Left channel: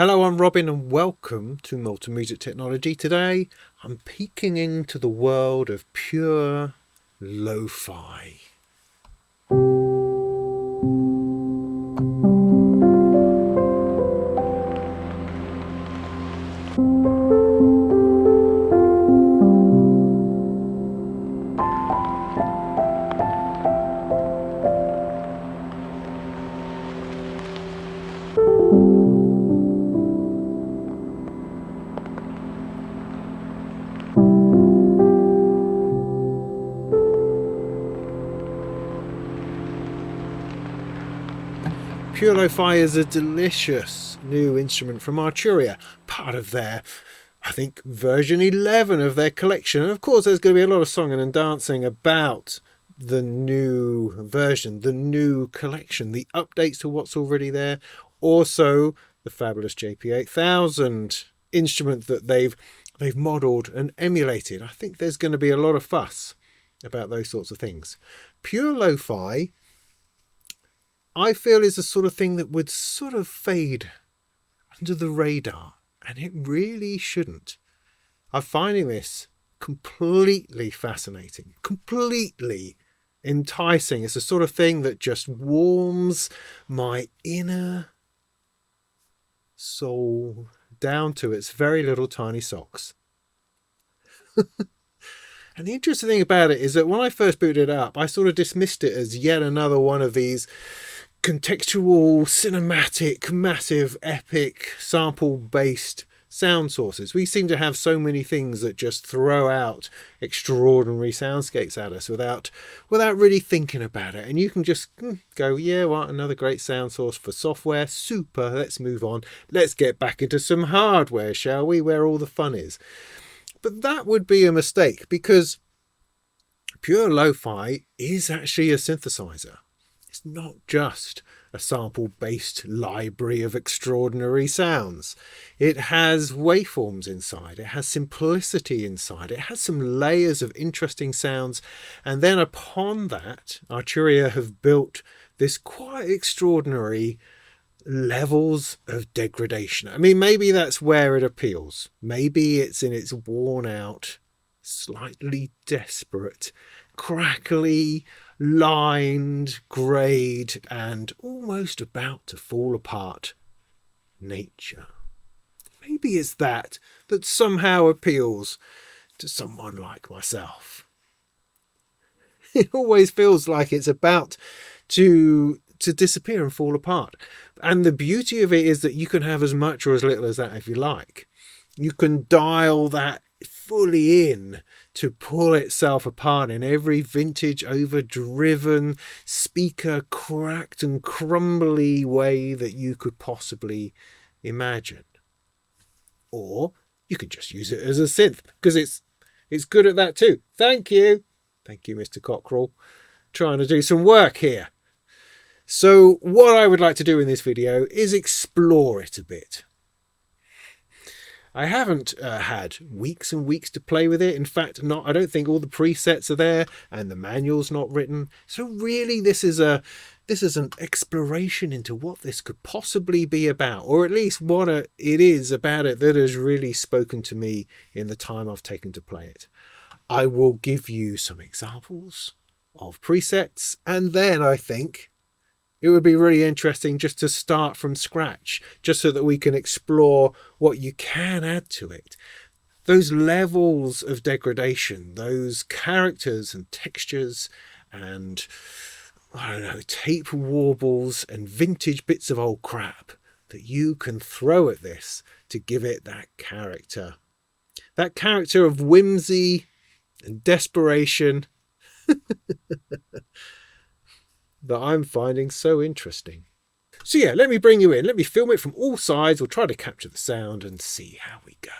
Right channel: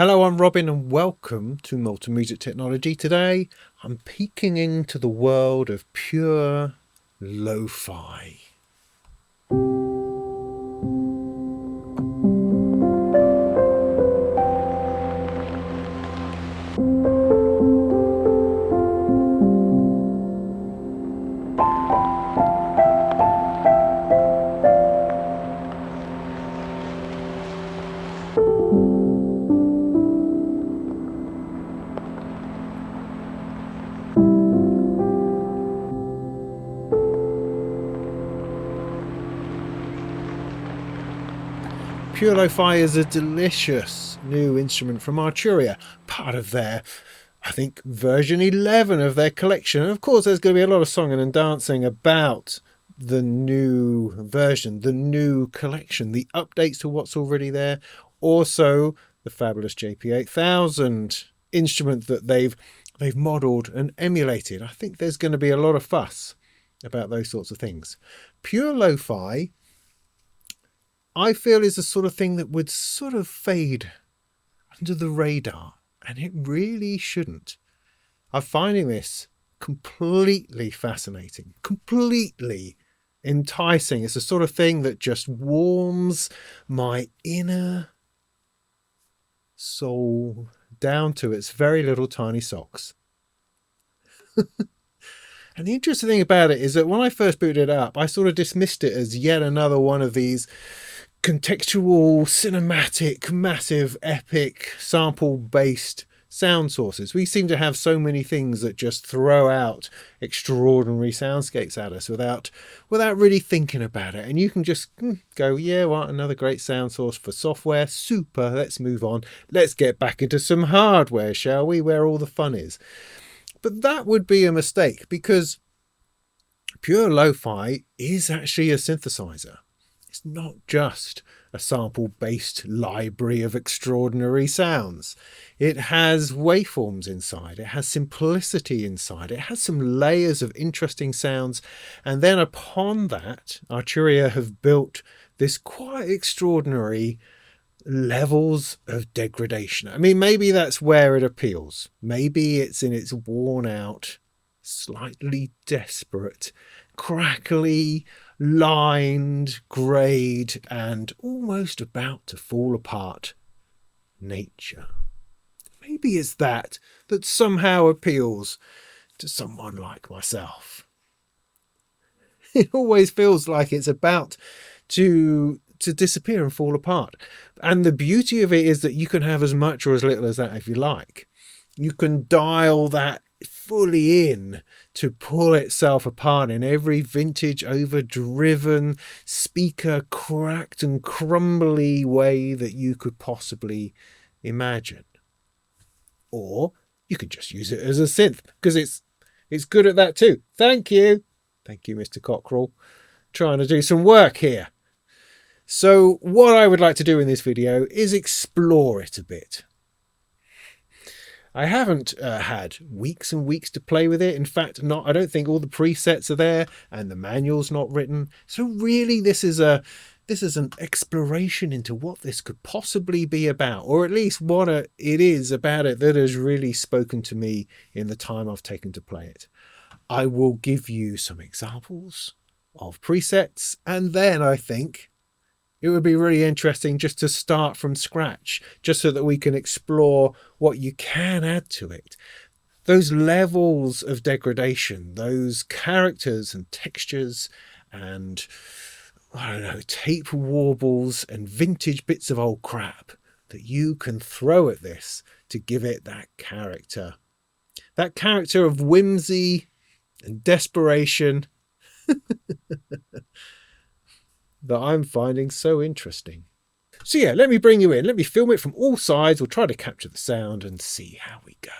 Hello, I'm Robin and welcome to Multimusic Technology. Today I'm peeking into the world of pure lo-fi. Pure lo-fi is a delicious new instrument from Arturia, part of their, I think, version 11 of their collection. And of course, there's going to be a lot of songing and dancing about the new version, the new collection, the updates to what's already there. Also, the fabulous JP8000 instrument that they've modelled and emulated. I think there's going to be a lot of fuss about those sorts of things. Pure lo-fi, I feel, is the sort of thing that would sort of fade under the radar, and it really shouldn't. I'm finding this completely fascinating, completely enticing. It's the sort of thing that just warms my inner soul down to its very little tiny socks. And the interesting thing about it is that when I first booted it up, I sort of dismissed it as yet another one of these contextual, cinematic, massive, epic, sample-based sound sources. We seem to have so many things that just throw out extraordinary soundscapes at us without really thinking about it. And you can just go, yeah, well, another great sound source for software. Super, let's move on. Let's get back into some hardware, shall we, where all the fun is. But that would be a mistake, because pure lo-fi is actually a synthesizer. It's not just a sample-based library of extraordinary sounds. It has waveforms inside. It has simplicity inside. It has some layers of interesting sounds. And then upon that, Arturia have built this quite extraordinary levels of degradation. I mean, maybe that's where it appeals. Maybe it's in its worn out, slightly desperate, crackly, lined, greyed, and almost about to fall apart nature. Maybe it's that somehow appeals to someone like myself. It always feels like it's about to disappear and fall apart. And the beauty of it is that you can have as much or as little as that if you like. You can dial that fully in to pull itself apart in every vintage, overdriven, speaker cracked and crumbly way that you could possibly imagine. Or you could just use it as a synth, because it's good at that too. Thank you, Mr. Cockerel, trying to do some work here. So what I would like to do in this video is explore it a bit. I haven't had weeks and weeks to play with it. In fact, I don't think all the presets are there, and the manual's not written. So really, this is an exploration into what this could possibly be about, or at least what it is about it that has really spoken to me in the time I've taken to play it. I will give you some examples of presets, and then I think it would be really interesting just to start from scratch, just so that we can explore what you can add to it. Those levels of degradation, those characters and textures and, I don't know, tape warbles and vintage bits of old crap that you can throw at this to give it that character. That character of whimsy and desperation that I'm finding so interesting. So yeah, let me bring you in. Let me film it from all sides. We'll try to capture the sound and see how we go.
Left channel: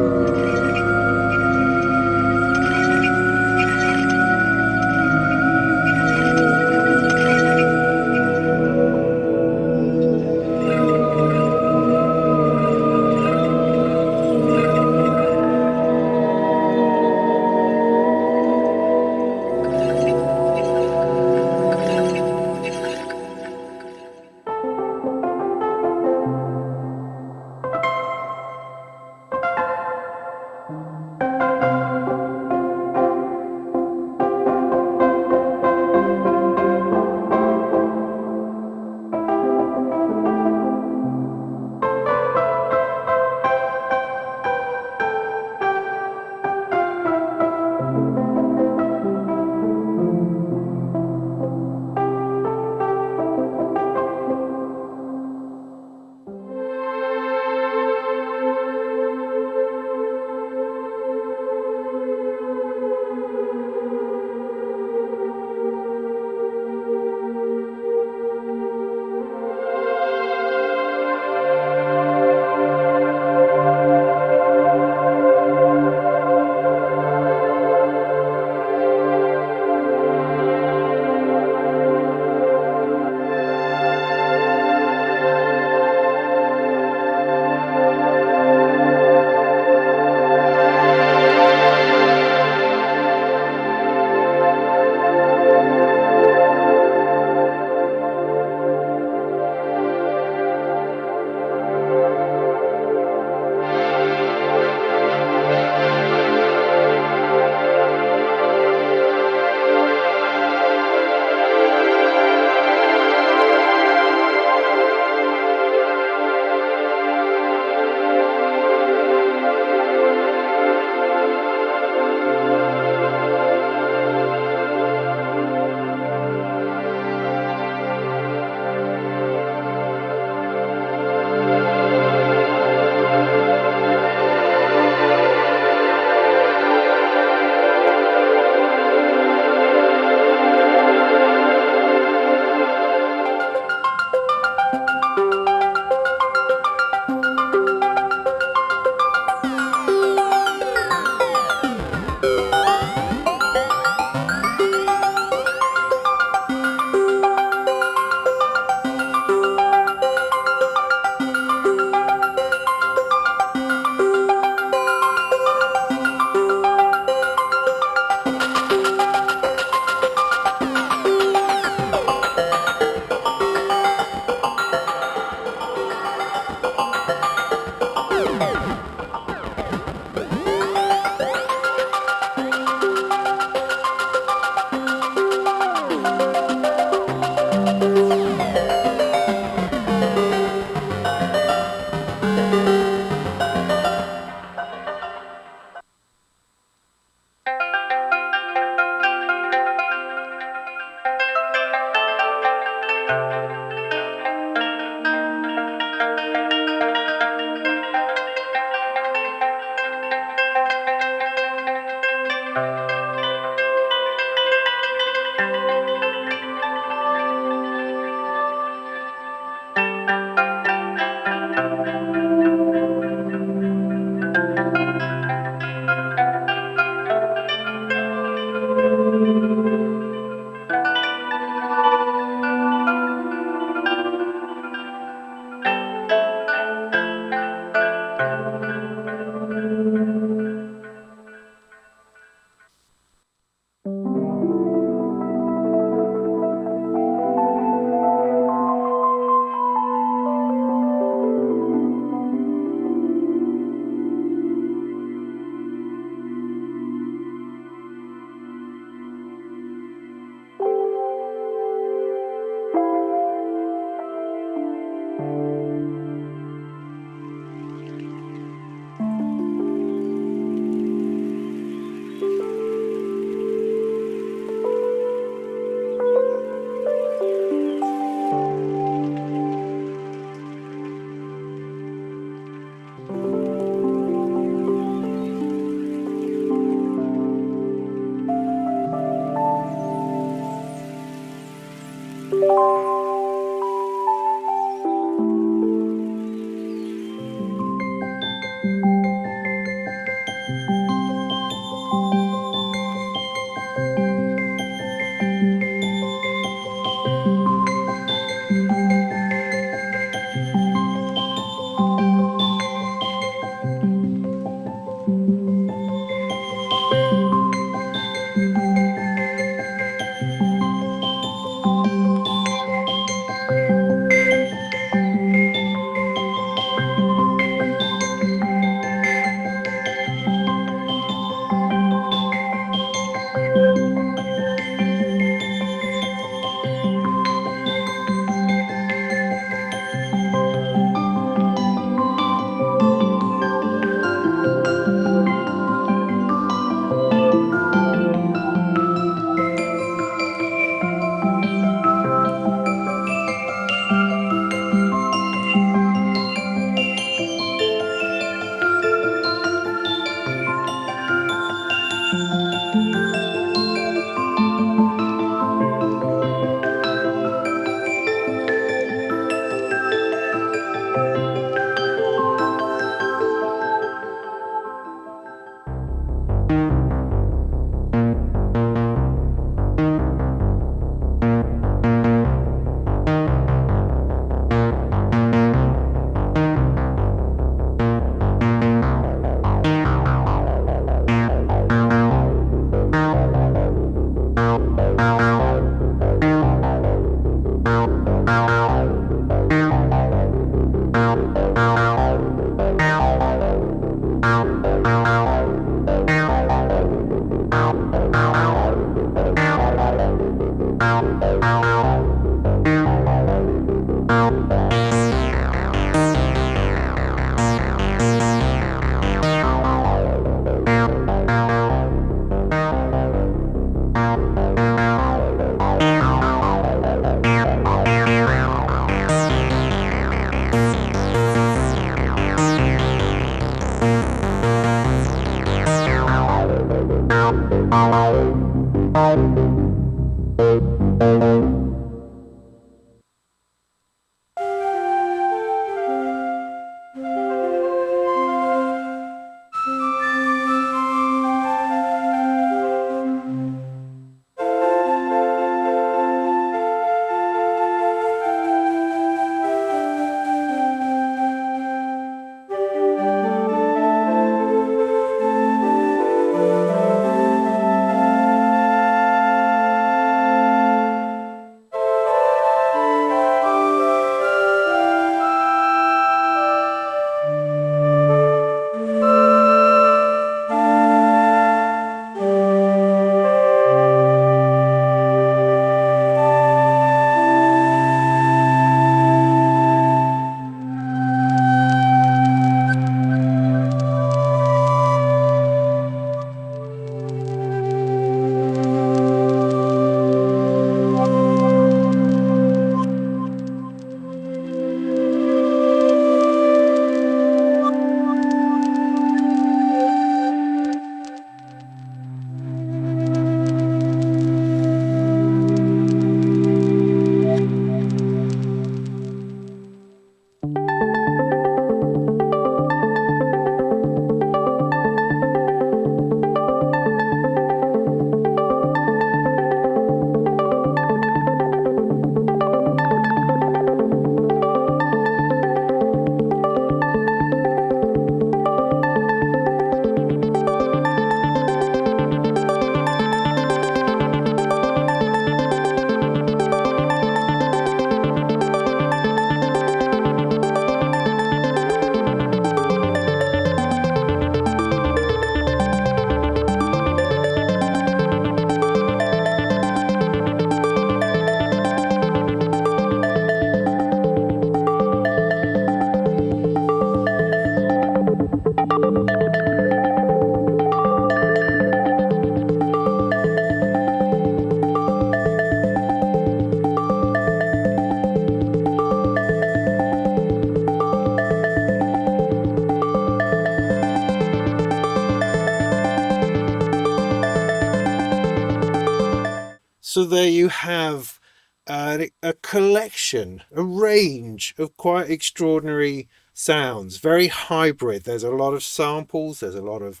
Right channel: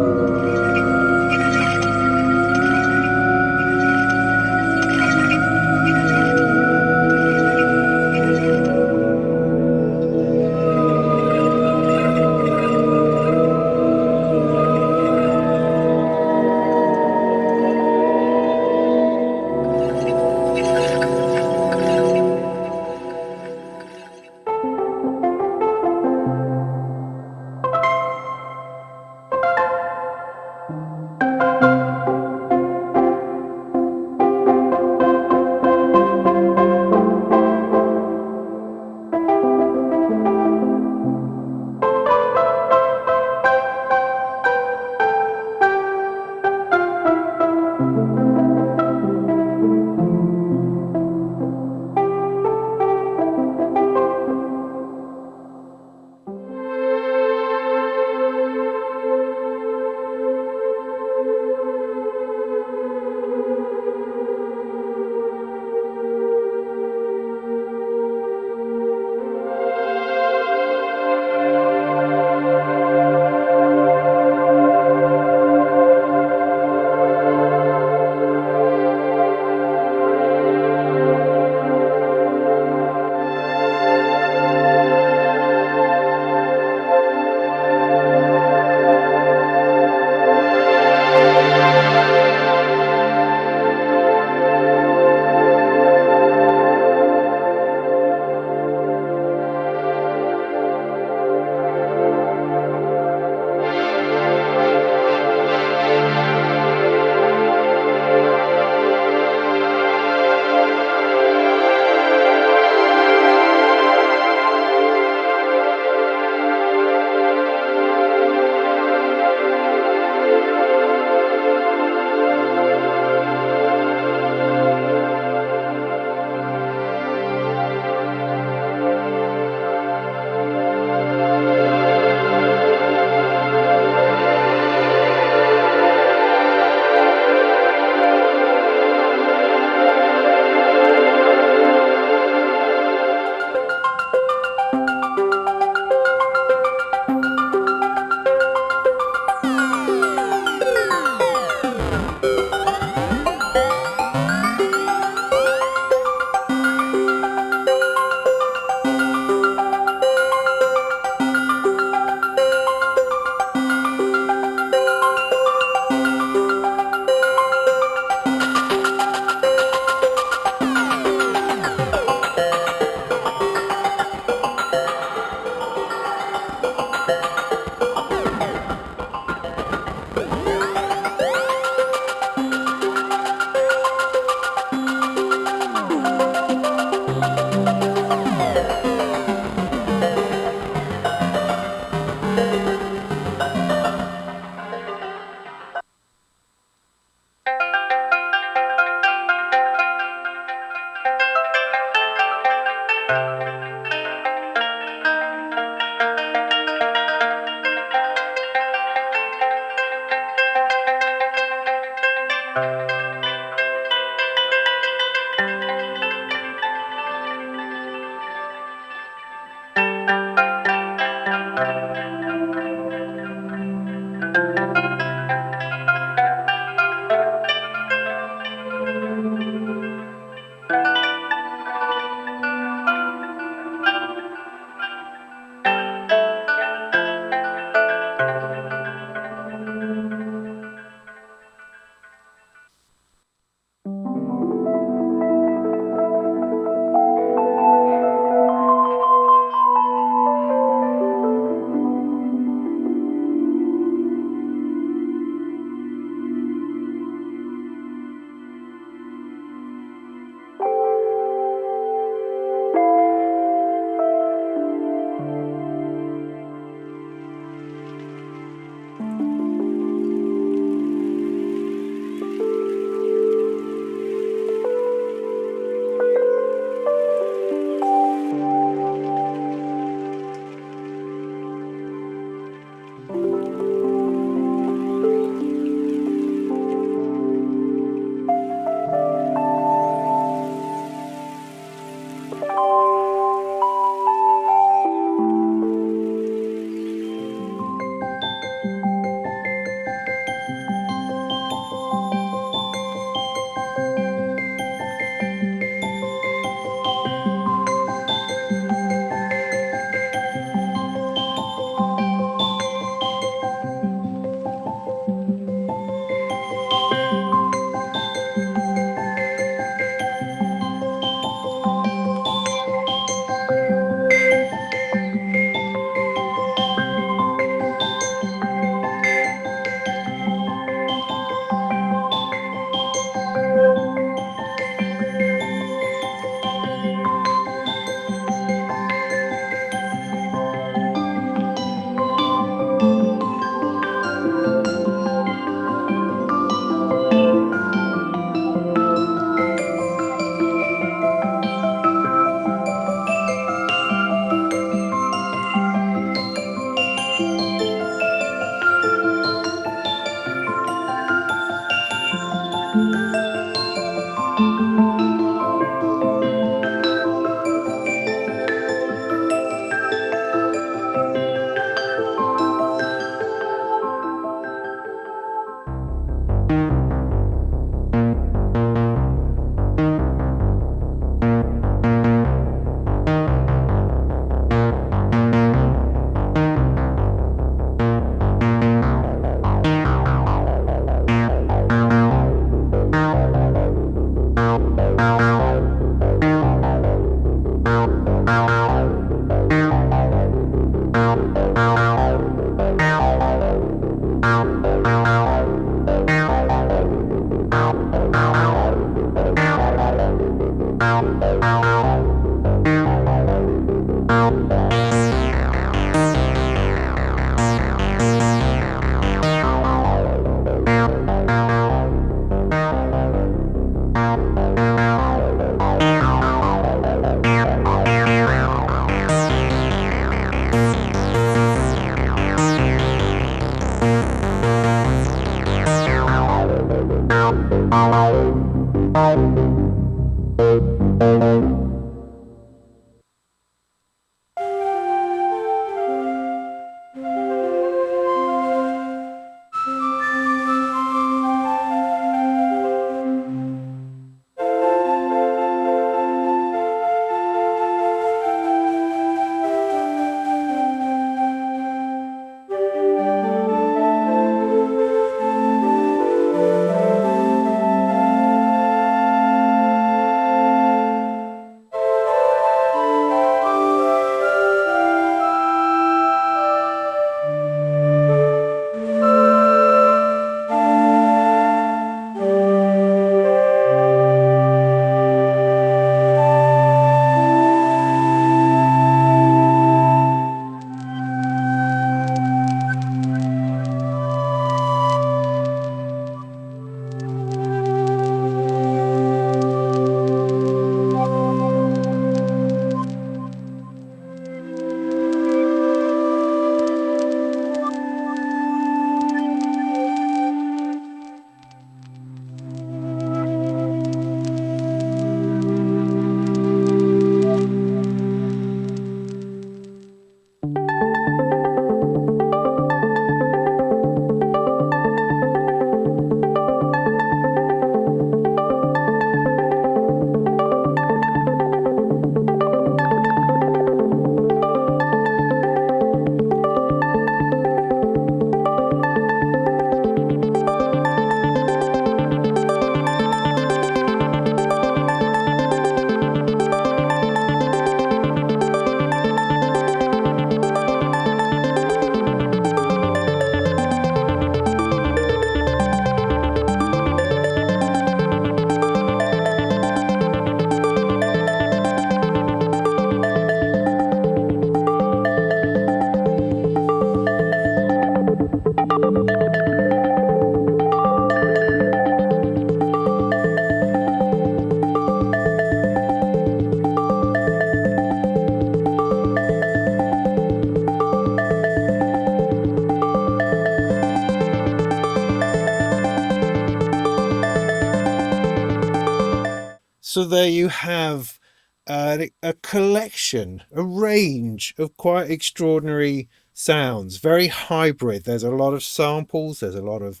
So there you have a collection, a range of quite extraordinary sounds, very hybrid. There's a lot of samples, there's a lot of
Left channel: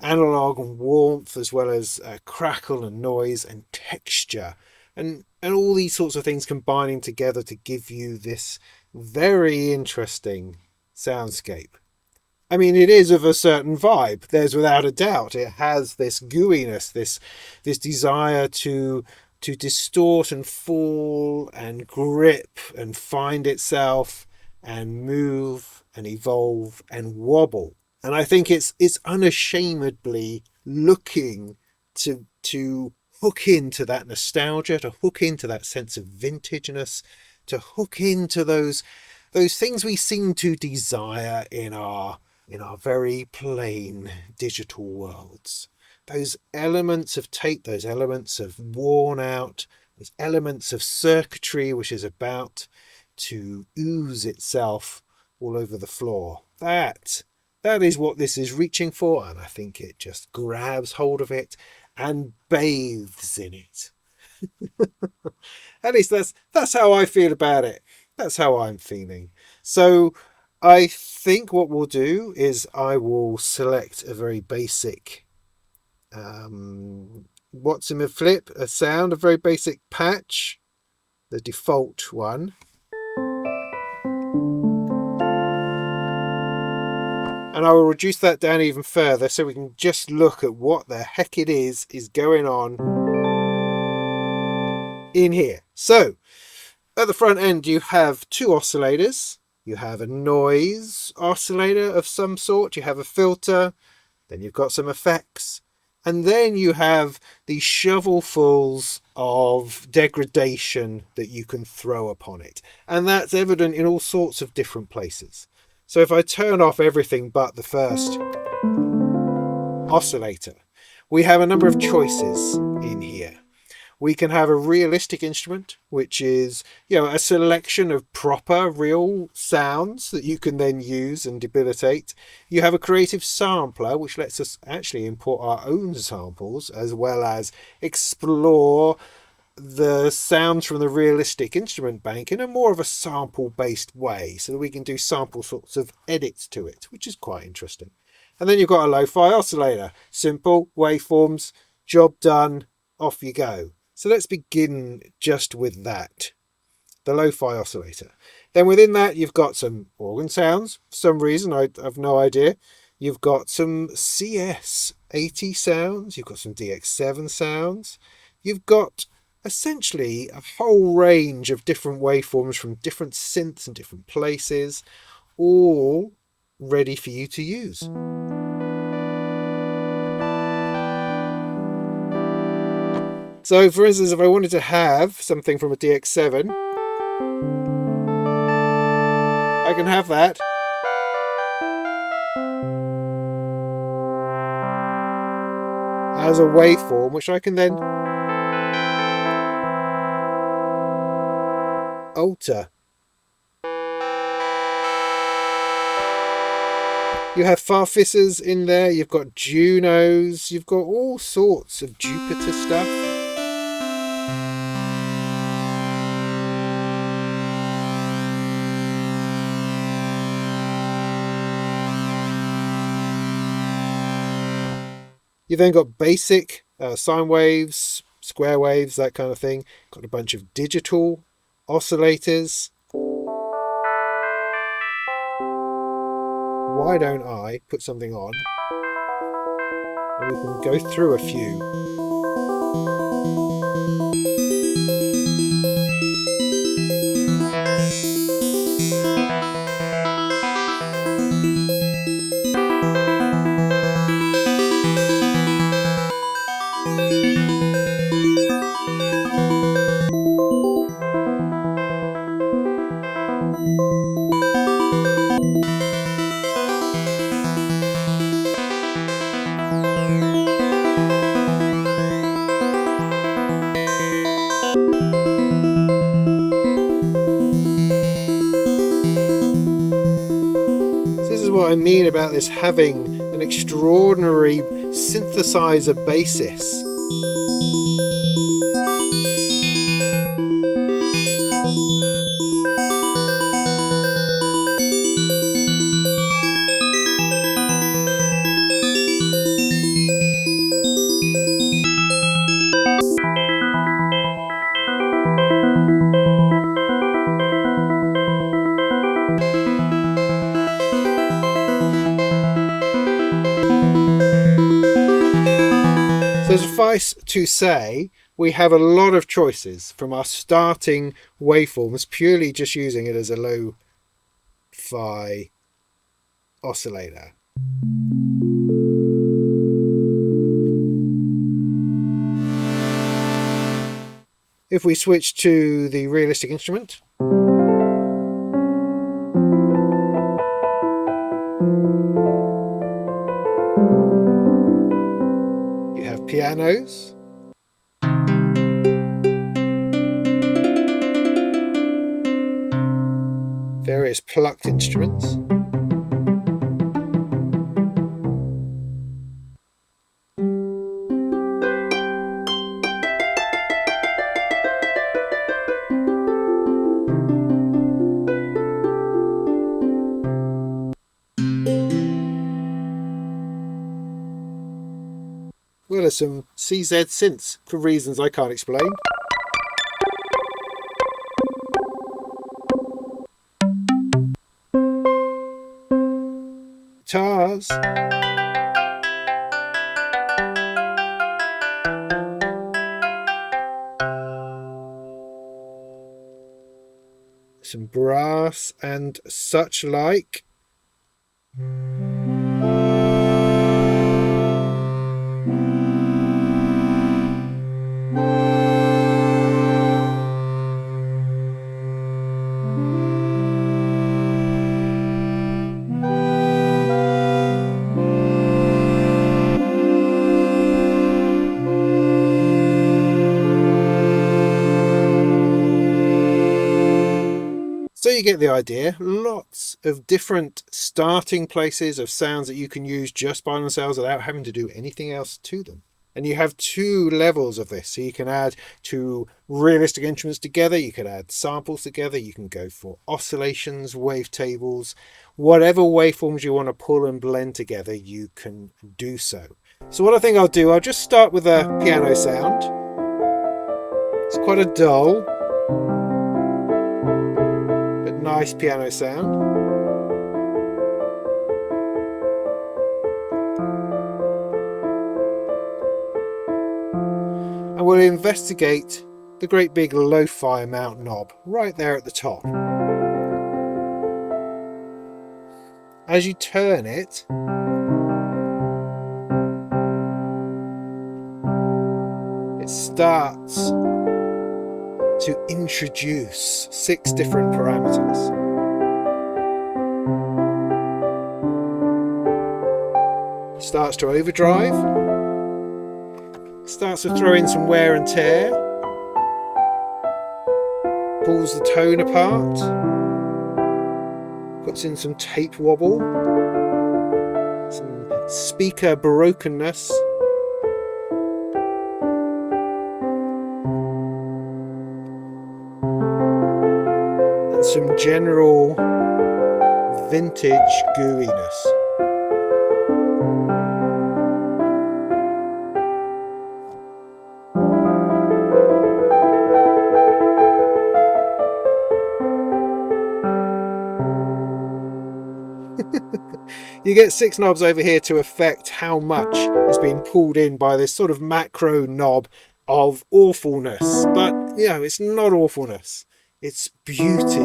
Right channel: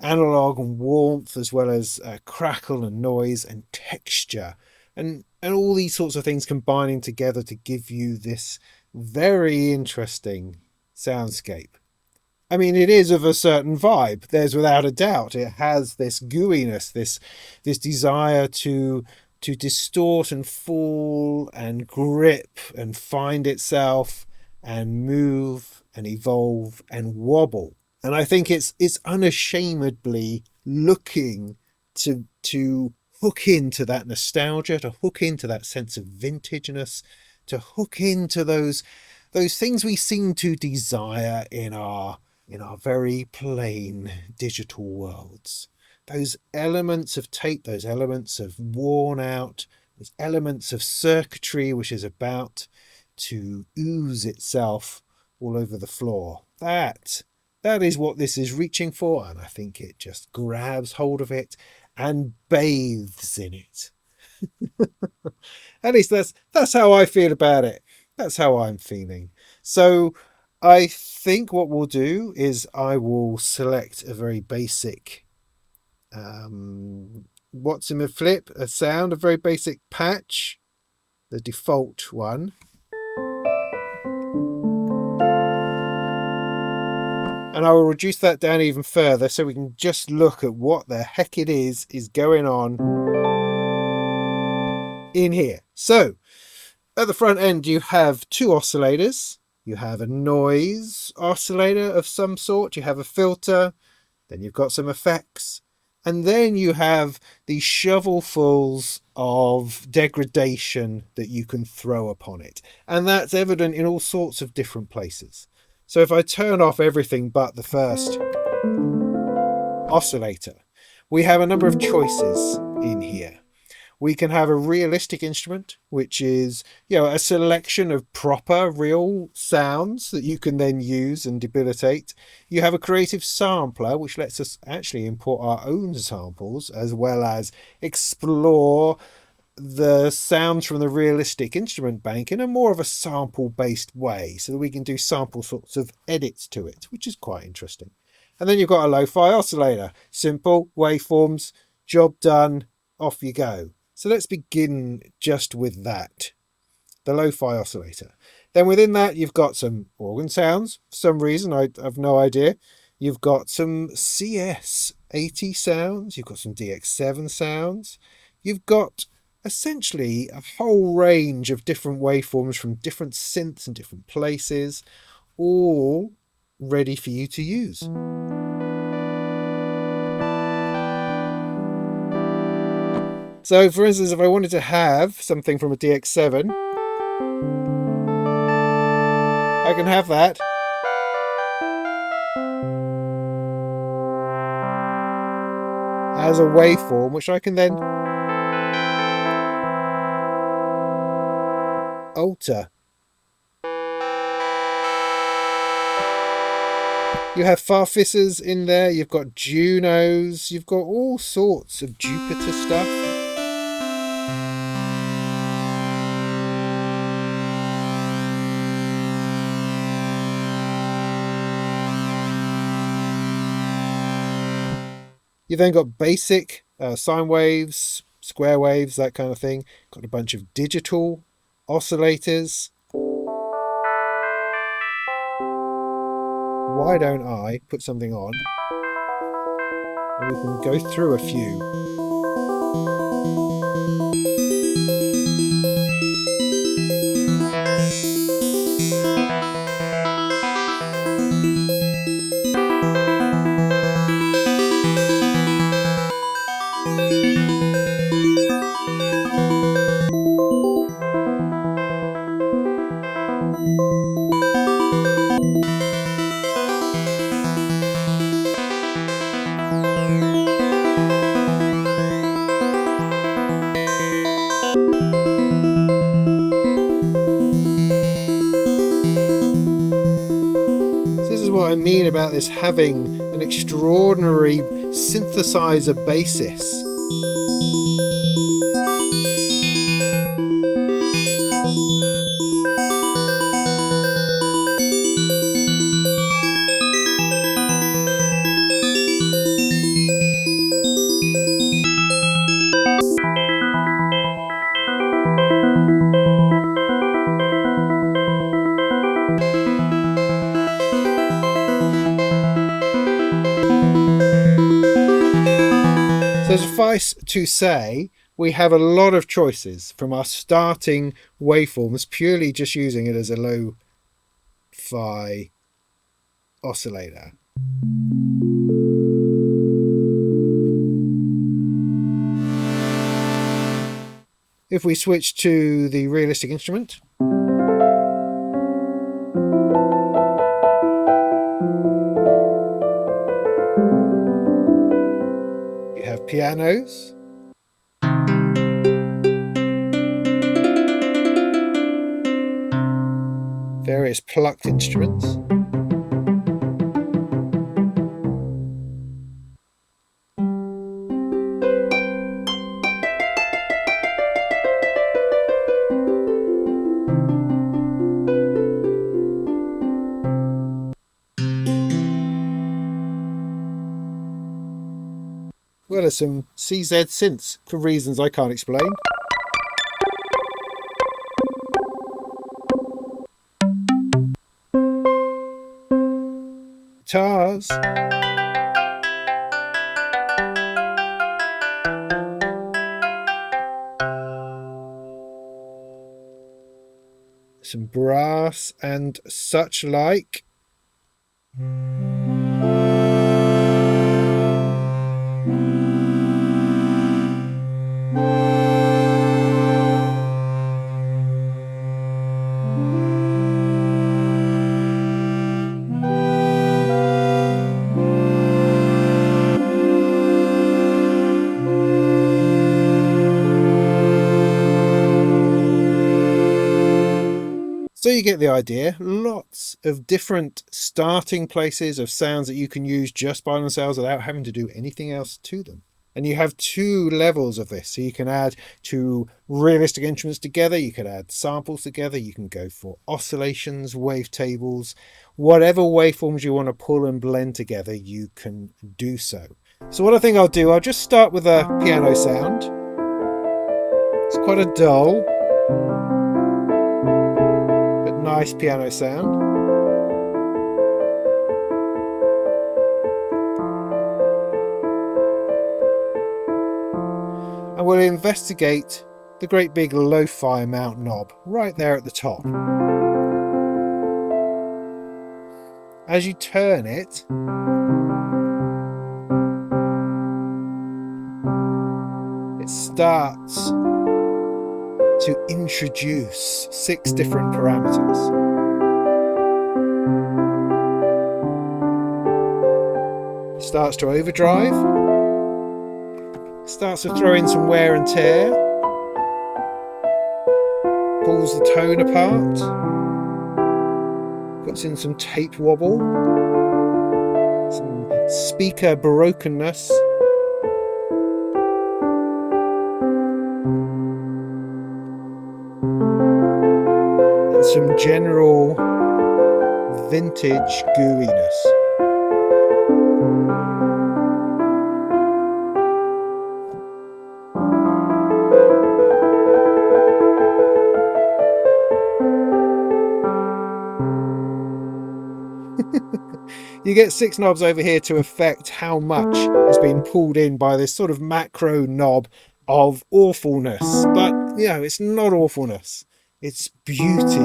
analog and warmth, as well as crackle and noise and texture, and all these sorts of things combining together to give you this very interesting soundscape. I mean, it is of a certain vibe. There's without a doubt. It has this gooiness, this desire to distort and fall and grip and find itself and move and evolve and wobble. And I think it's unashamedly looking to hook into that nostalgia, to hook into that sense of vintageness, to hook into those things we seem to desire in our very plain digital worlds. Those elements of tape, those elements of worn out, those elements of circuitry which is about to ooze itself all over the floor. That is what this is reaching for, and I think it just grabs hold of it and bathes in it. At least that's how I feel about it. That's how I'm feeling. So I think what we'll do is I will select a very basic what's in a flip, a sound, a very basic patch, the default one. And I will reduce that down even further so we can just look at what the heck it is going on in here. So at the front end you have two oscillators. You have a noise oscillator of some sort, you have a filter, then you've got some effects, and then you have these shovelfuls of degradation that you can throw upon it. And that's evident in all sorts of different places. So if I turn off everything but the first oscillator, we have a number of choices in here. We can have a realistic instrument, which is, a selection of proper, real sounds that you can then use and debilitate. You have a creative sampler, which lets us actually import our own samples, as well as explore the sounds from the realistic instrument bank in a more of a sample-based way, so that we can do sample sorts of edits to it, which is quite interesting. And then you've got a lo-fi oscillator. Simple, waveforms, job done, off you go. So let's begin just with that, the lo-fi oscillator. Then within that, you've got some organ sounds. For some reason, I have no idea. You've got some CS80 sounds. You've got some DX7 sounds. You've got essentially a whole range of different waveforms from different synths and different places, all ready for you to use. So, for instance, if I wanted to have something from a DX7, I can have that. As a waveform, which I can then alter. You have Farfisers in there, you've got Junos, you've got all sorts of Jupiter stuff. You've then got basic sine waves, square waves, that kind of thing. Got a bunch of digital oscillators. Why don't I put something on and we can go through a few. What I mean about this having an extraordinary synthesizer basis. So suffice to say, we have a lot of choices from our starting waveforms, purely just using it as a lo-fi oscillator. If we switch to the realistic instrument, you have pianos, various plucked instruments, well as some CZ synths for reasons I can't explain. Guitars. Some brass and such like. you get the idea. Lots of different starting places of sounds that you can use just by themselves without having to do anything else to them. And you have two levels of this. So you can add two realistic instruments together. You can add samples together. You can go for oscillations, wavetables, whatever waveforms you want to pull and blend together, you can do so. So what I think I'll do, I'll just start with a piano sound. It's quite a dull, but nice piano sound. And we'll investigate the great big lo-fi mount knob right there at the top. As you turn it, it starts to introduce 6 different parameters. Starts to overdrive. Starts to throw in some wear and tear. Pulls the tone apart. Puts in some tape wobble. Some speaker brokenness. And some general vintage gooiness. You get 6 knobs over here to affect how much is being pulled in by this sort of macro knob of awfulness. But, you know, it's not awfulness. It's beauty.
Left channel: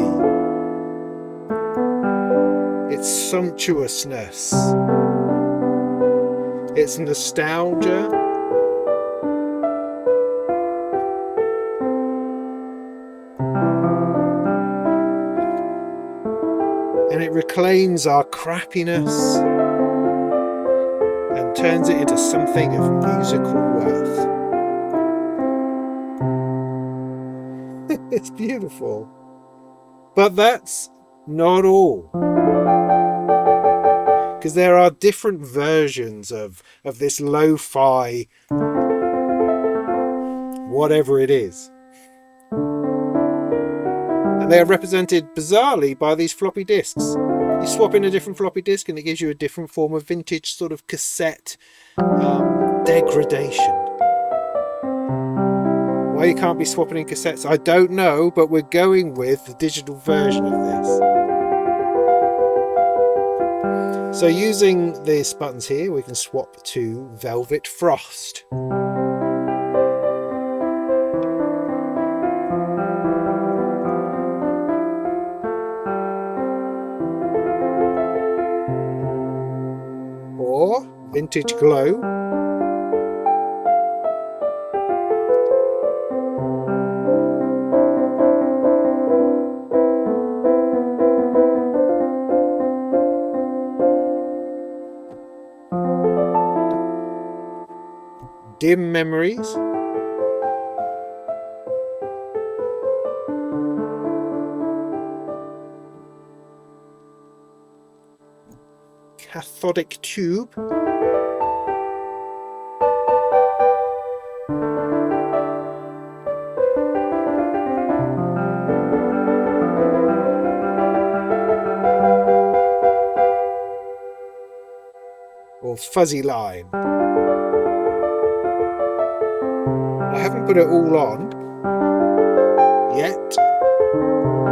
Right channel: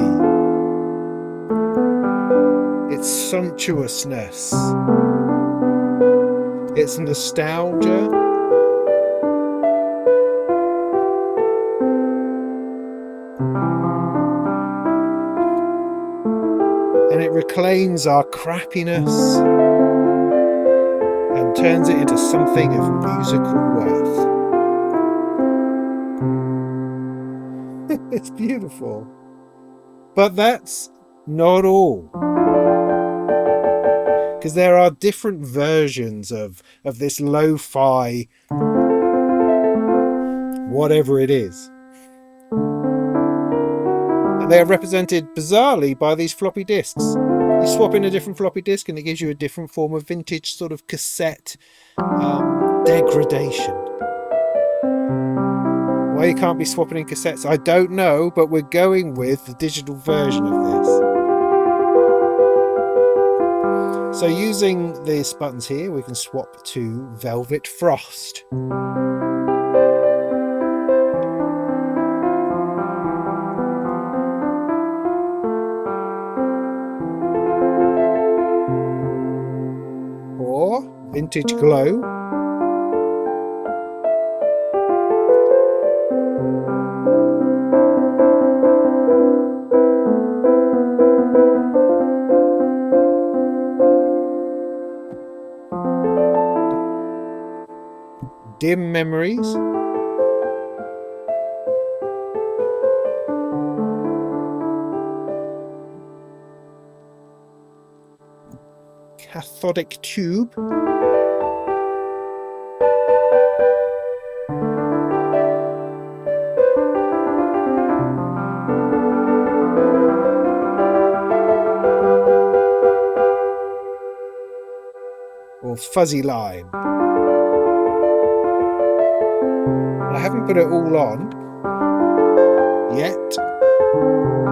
It's sumptuousness. It's nostalgia. And it reclaims our crappiness and turns it into something of musical worth. It's beautiful. But that's not all. Because there are different versions of this lo-fi whatever it is. And they are represented bizarrely by these floppy disks. You swap in a different floppy disk and it gives you a different form of vintage sort of cassette degradation. Why you can't be swapping in cassettes, I don't know, but we're going with the digital version of this. So using these buttons here, we can swap to Velvet Frost. Or Vintage Glow. Dim Memories. Cathodic Tube. Or Fuzzy Line. I haven't put it all on yet,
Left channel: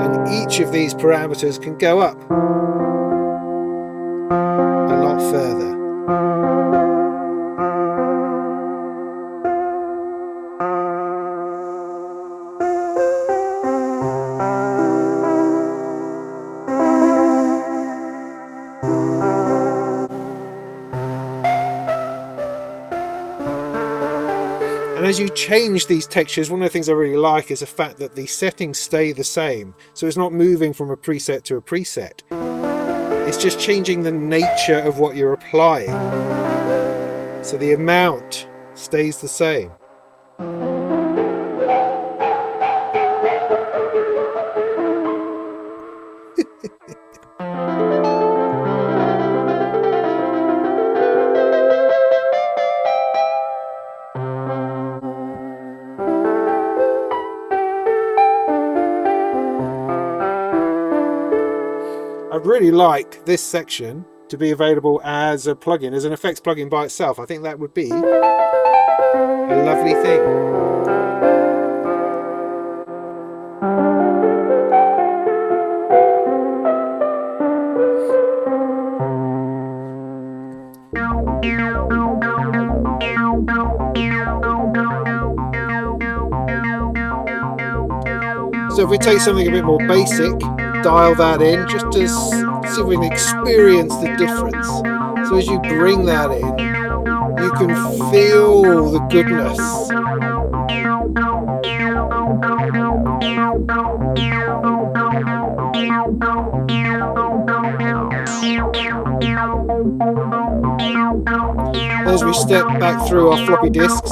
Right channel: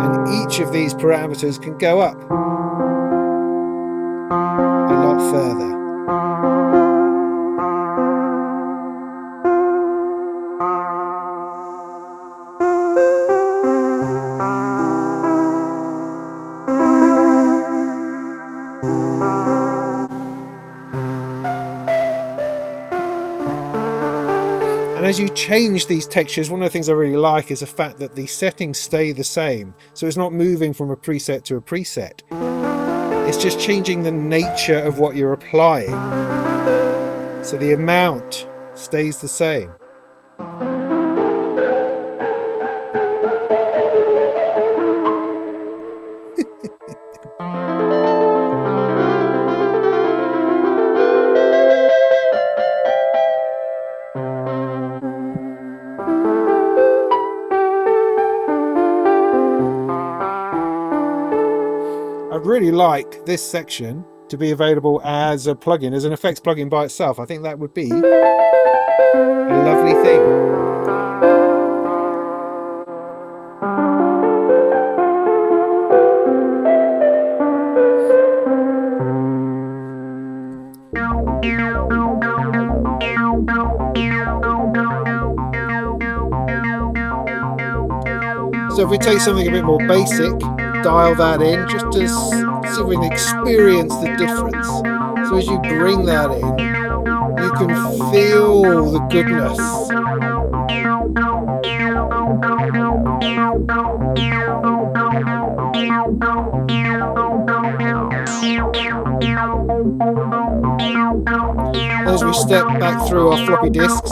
and each of these parameters can go up a lot further. And as you change these textures, one of the things I really like is the fact that the settings stay the same. So it's not moving from a preset to a preset. It's just changing the nature of what you're applying. So the amount stays the same. really like this section to be available as a plugin, as an effects plugin by itself. I think that would be a lovely thing. So if we take something a bit more basic, dial that in just to see if we can experience the difference. So as you bring that in, you can feel the goodness. As we step back through our floppy disks,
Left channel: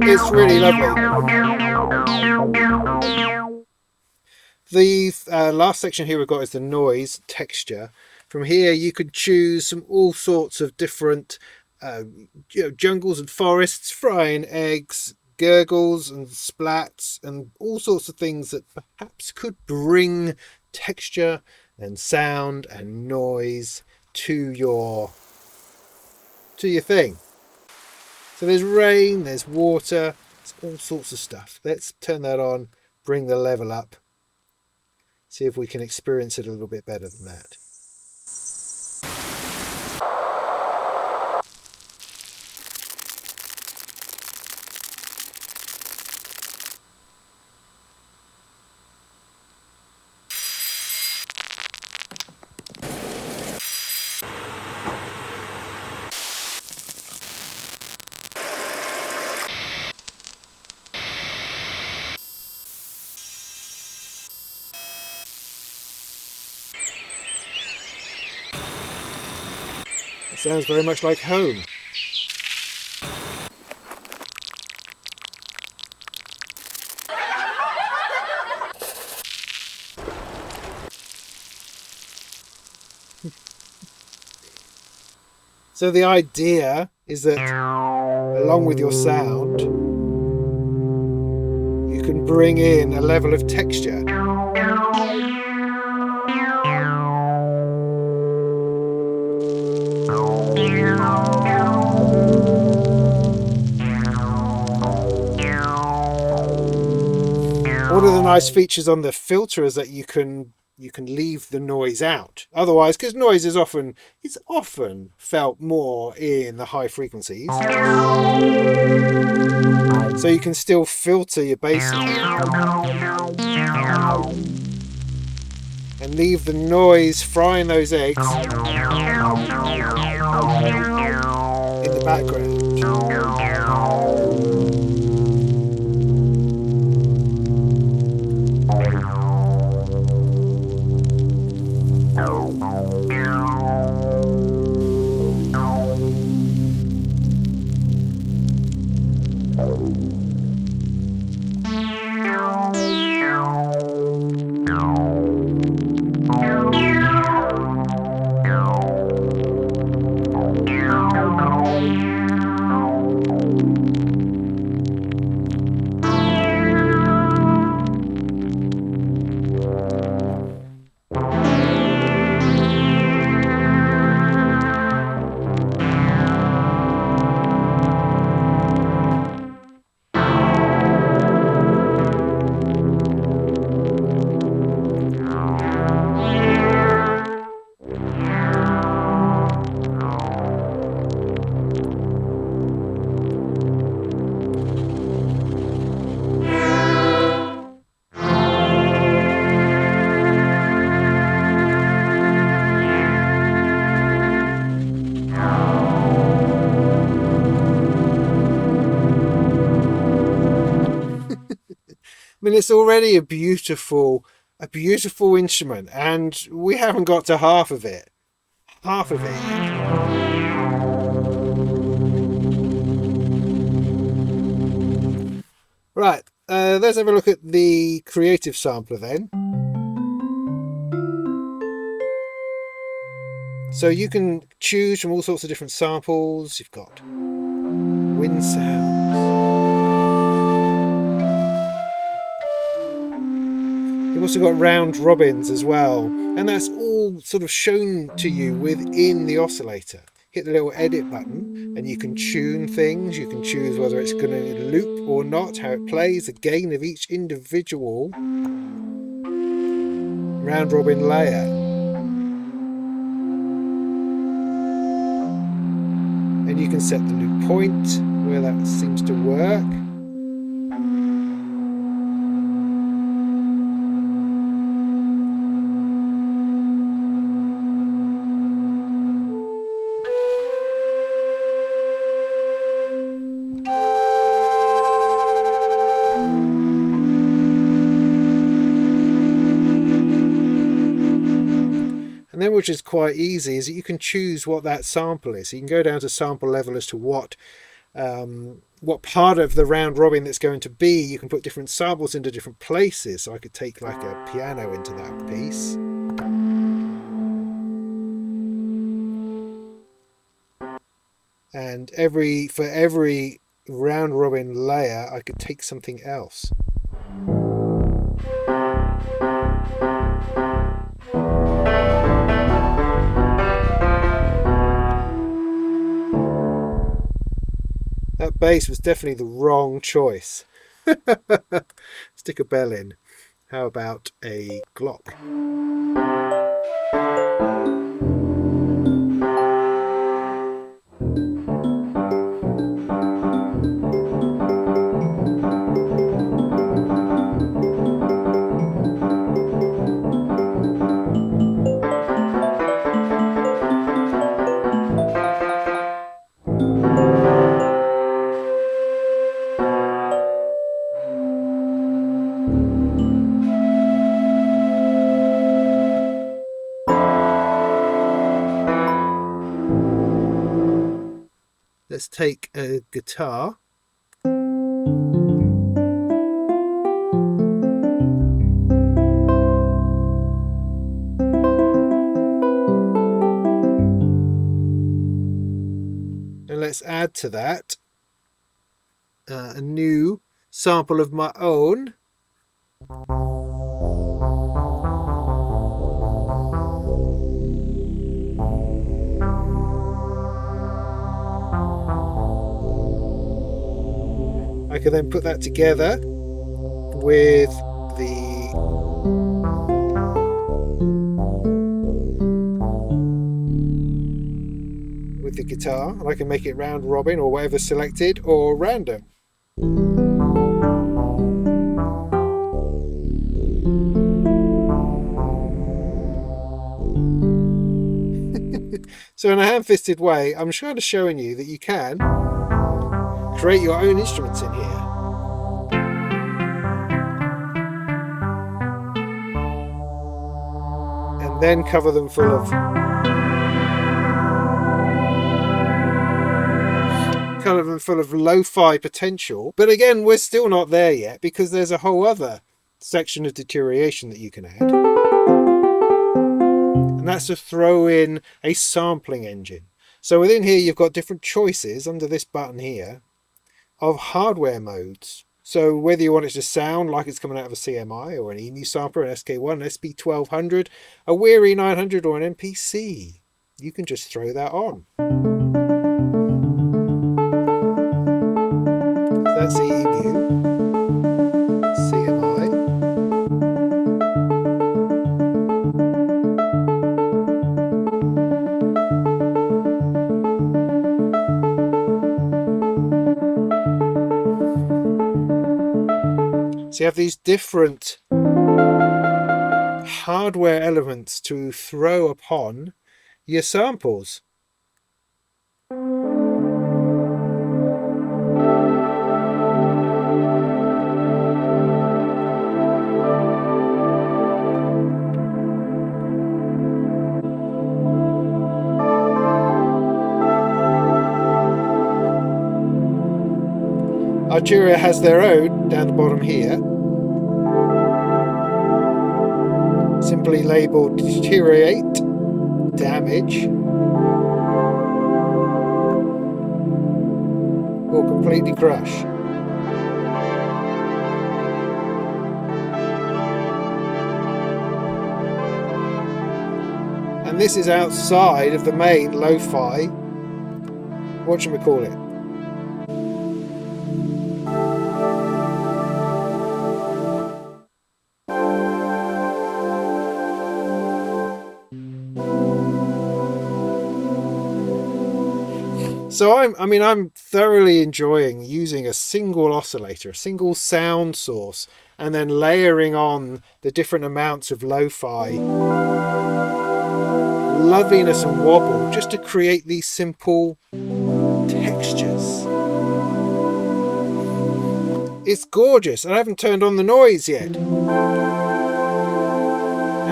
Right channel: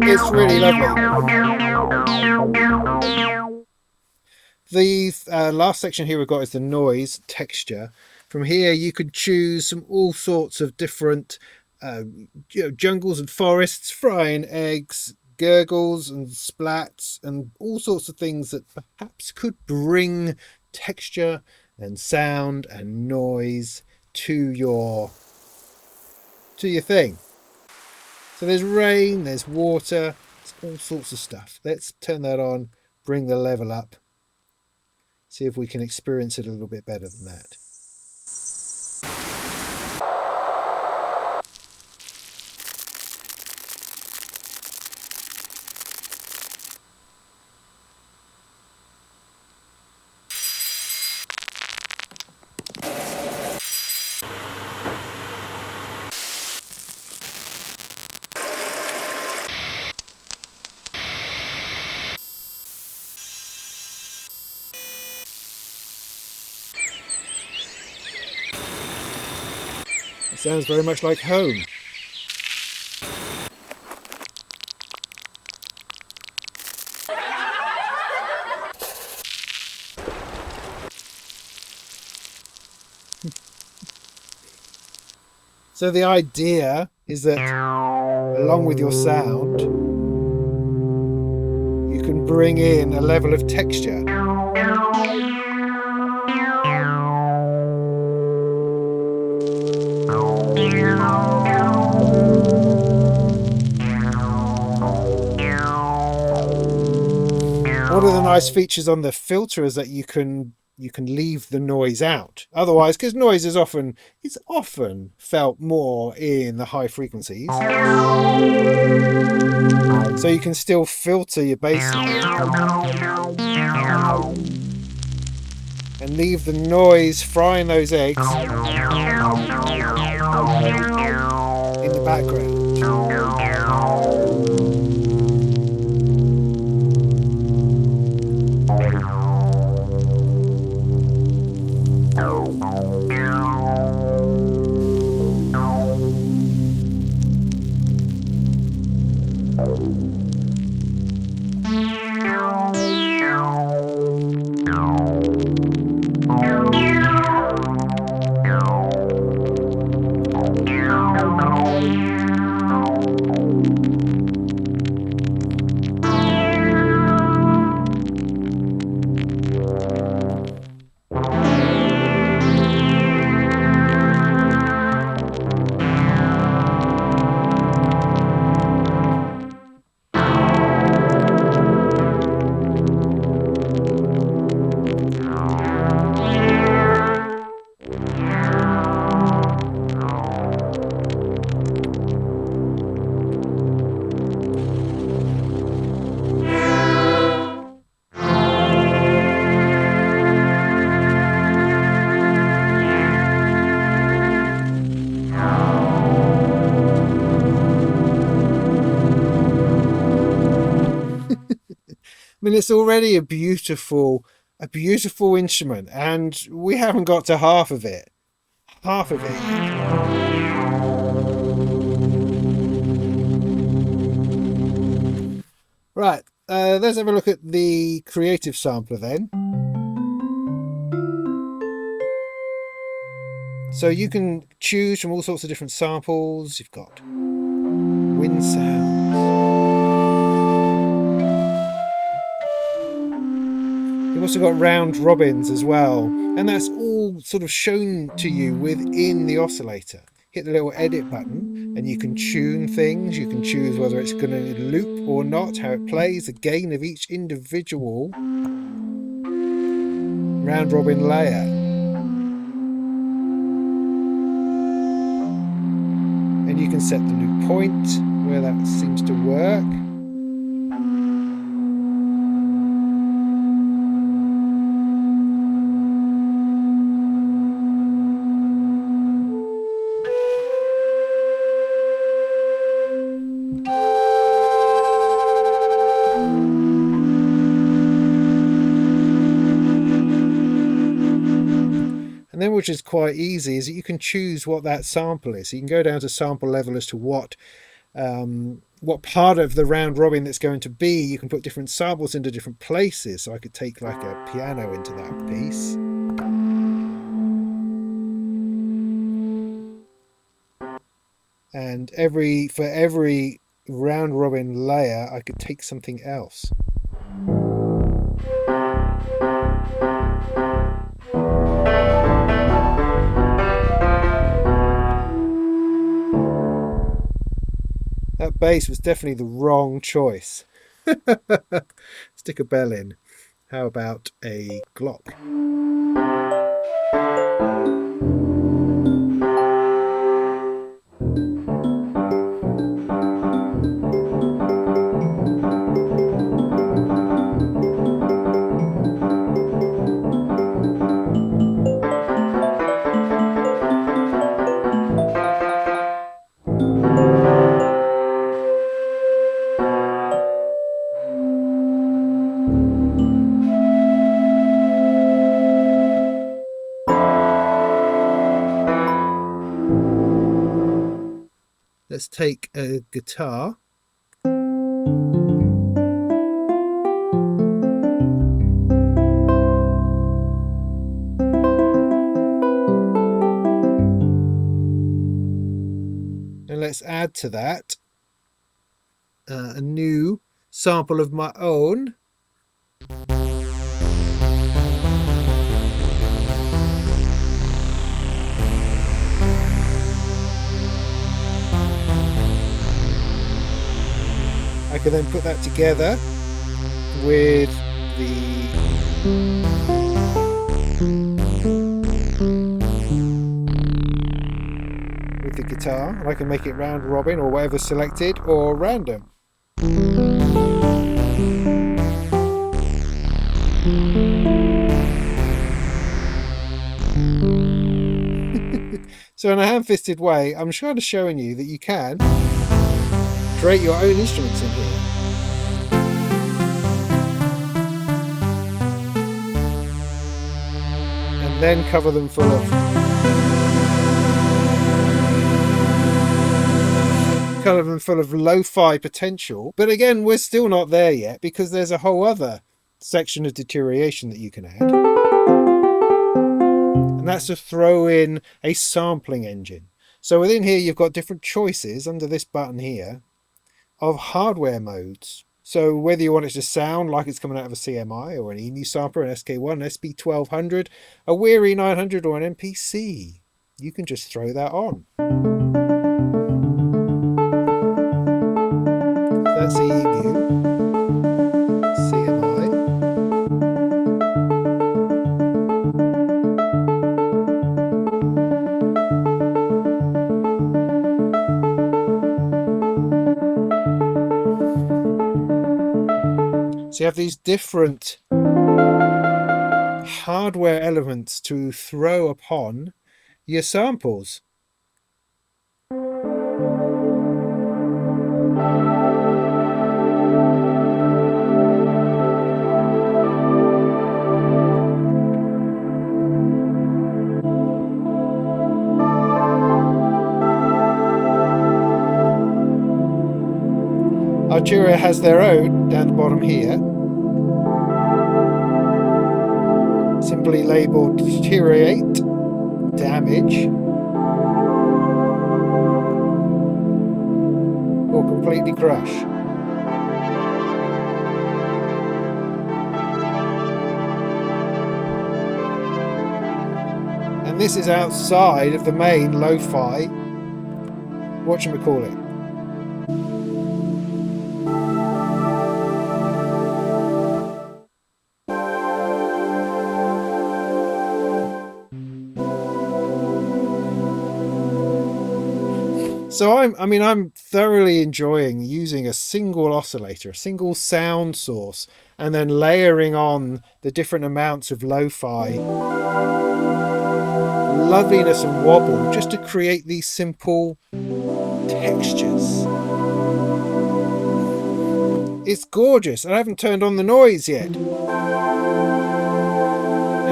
it's really lovely. The last section here we've got is the noise texture. From here you could choose all sorts of different jungles and forests, frying eggs, gurgles and splats, and all sorts of things that perhaps could bring texture and sound and noise to your thing. So there's rain, there's water, there's all sorts of stuff. Let's turn that on, bring the level up, see if we can experience it a little bit better than that. It sounds very much like home. So the idea is that along with your sound, you can bring in a level of texture. One of the nice features on the filter is that you can leave the noise out. Otherwise, because noise is often felt more in the high frequencies, so you can still filter your bass and leave the noise frying those eggs in the background. I mean, it's already a beautiful instrument, and we haven't got to half of it. Half of it. Right, let's have a look at the creative sampler then. So you can choose from all sorts of different samples. You've got wind sounds. You've also got round robins as well, and that's all sort of shown to you within the oscillator. Hit the little edit button and you can tune things. You can choose whether it's going to loop or not, how it plays, the gain of each individual round robin layer. And you can set the loop point where that seems to work. And then, which is quite easy, is that you can choose what that sample is. So you can go down to sample level as to what part of the round robin that's going to be. You can put different samples into different places. So I could take like a piano into that piece. And for every round robin layer, I could take something else. That bass was definitely the wrong choice. Stick a bell in. How about a Glock? Let's take a guitar. And let's add to that a new sample of my own. I can then put that together with the guitar, and I can make it round robin or whatever selected, or random. So in a ham-fisted way, I'm just kind of showing you that you can create your own instruments in here. And then cover them full of lo-fi potential. But again, we're still not there yet, because there's a whole other section of deterioration that you can add. And that's to throw in a sampling engine. So within here, you've got different choices under this button here of hardware modes. So whether you want it to sound like it's coming out of a CMI or an EMU sampler, an SK1, an SP1200, a Weary 900 or an MPC, you can just throw that on. That's the EMU, CMI. So you have these different hardware elements to throw upon your samples. Arturia has their own down the bottom here, simply labelled deteriorate, damage, or completely crush. And this is outside of the main lo-fi whatchamacallit. So I'm thoroughly enjoying using a single oscillator, a single sound source, and then layering on the different amounts of lo-fi loveliness and wobble just to create these simple textures. It's gorgeous, and I haven't turned on the noise yet. Now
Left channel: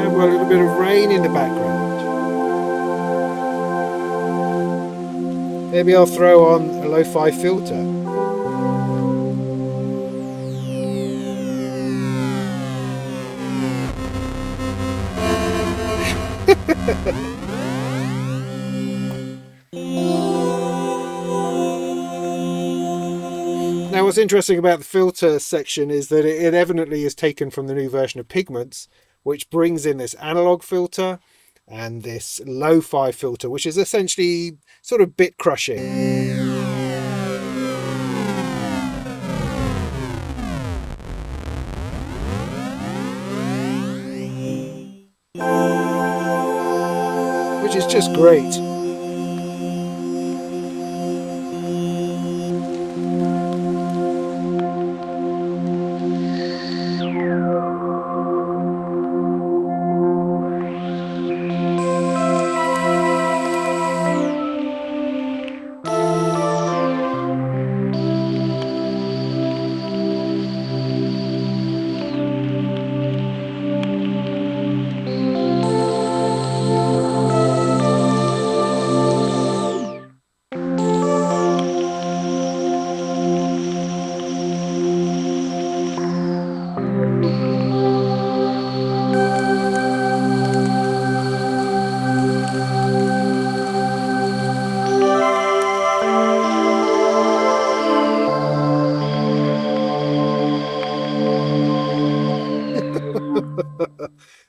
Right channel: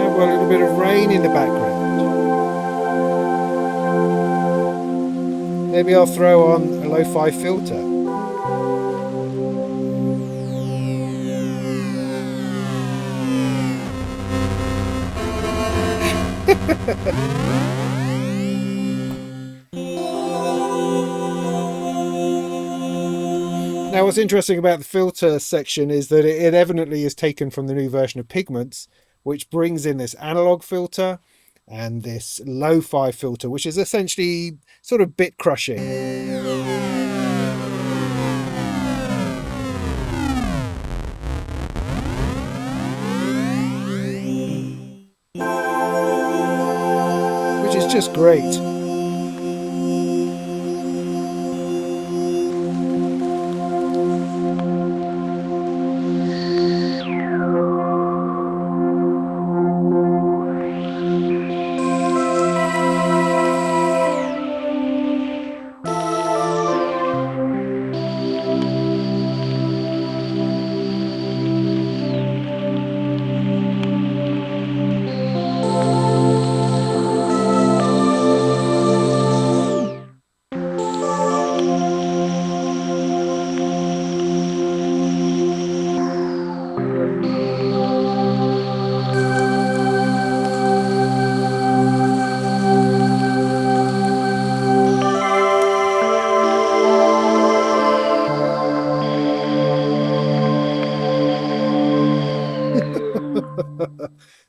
we've got a little bit of rain in the background. Maybe I'll throw on a lo-fi filter. Now what's interesting about the filter section is that it evidently is taken from the new version of Pigments, which brings in this analog filter and this lo-fi filter, which is essentially sort of bit crushing. Which is just great.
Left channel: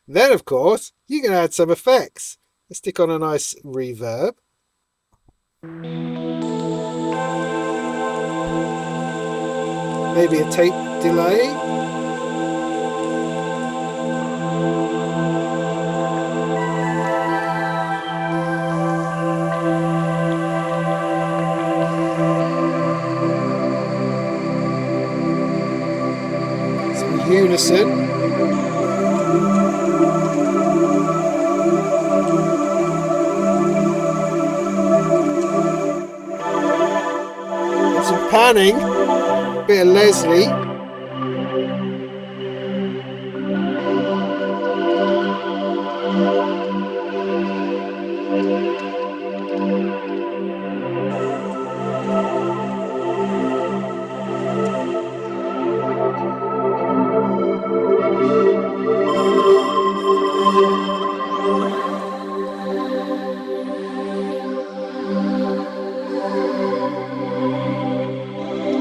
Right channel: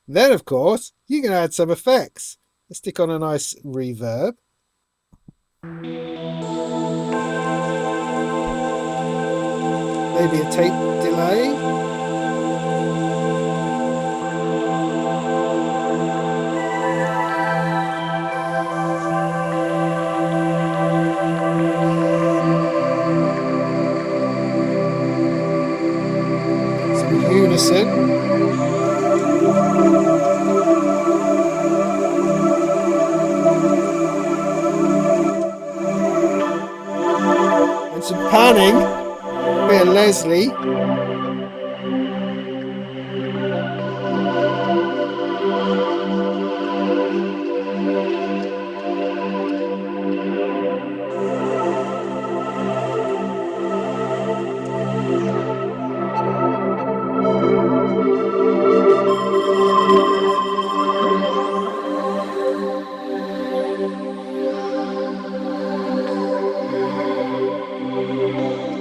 Then, of course, you can add some effects. Let's stick on a nice reverb. Maybe a tape delay. Some unison. And some panning. Bit of Leslie.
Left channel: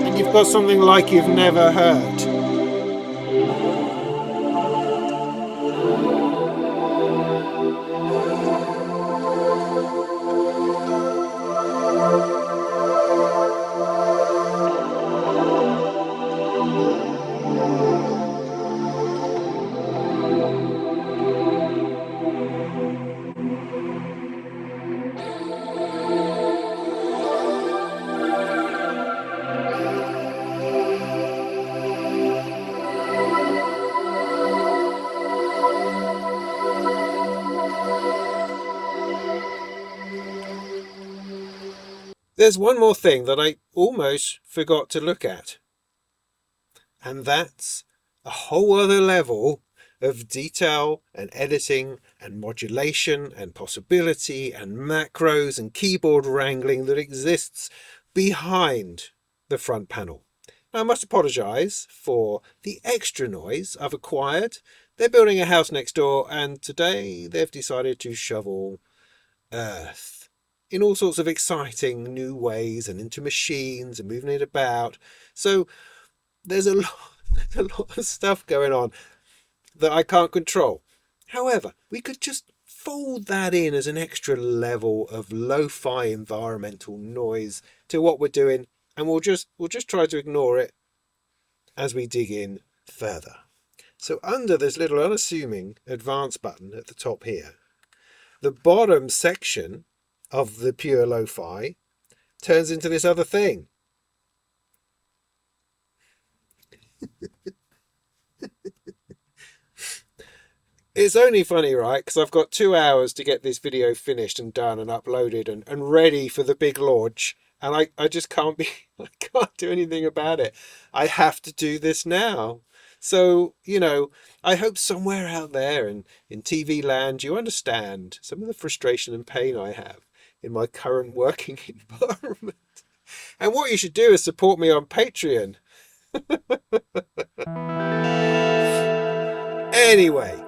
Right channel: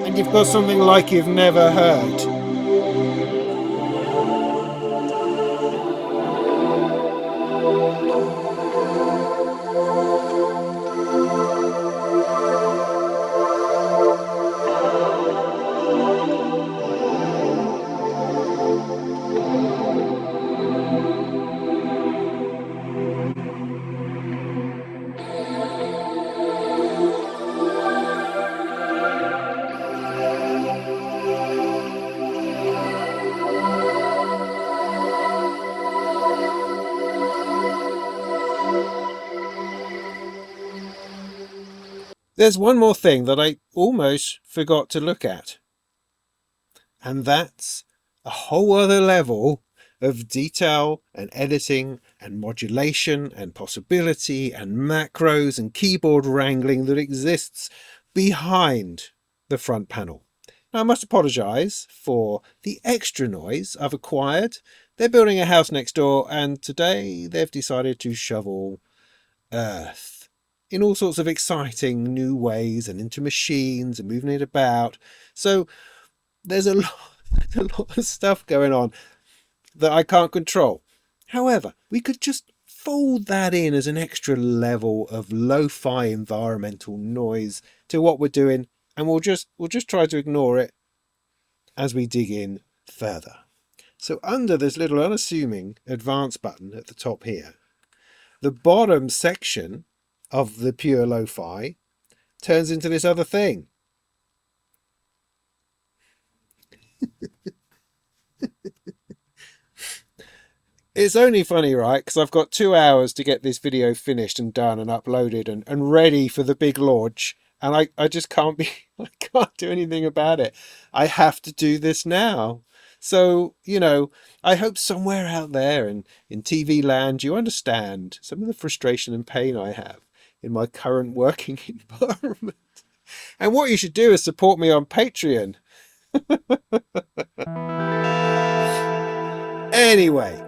And you've got something like you've never heard. There's one more thing that I almost forgot to look at, and that's a whole other level of detail and editing and modulation and possibility and macros and keyboard wrangling that exists behind the front panel. Now, I must apologise for the extra noise I've acquired. They're building a house next door, and today they've decided to shovel earth in all sorts of exciting new ways and into machines and moving it about. So there's a lot of stuff going on that I can't control. However, we could just fold that in as an extra level of lo-fi environmental noise to what we're doing, and we'll just try to ignore it as we dig in further. So under this little unassuming advanced button at the top here, the bottom section of the Pure LoFi turns into this other thing. It's only funny, right? Because I've got 2 hours to get this video finished and done and uploaded and ready for the big launch. And I just can't I can't do anything about it. I have to do this now. So, I hope somewhere out there in TV land, you understand some of the frustration and pain I have in my current working environment. And what you should do is support me on Patreon. Anyway.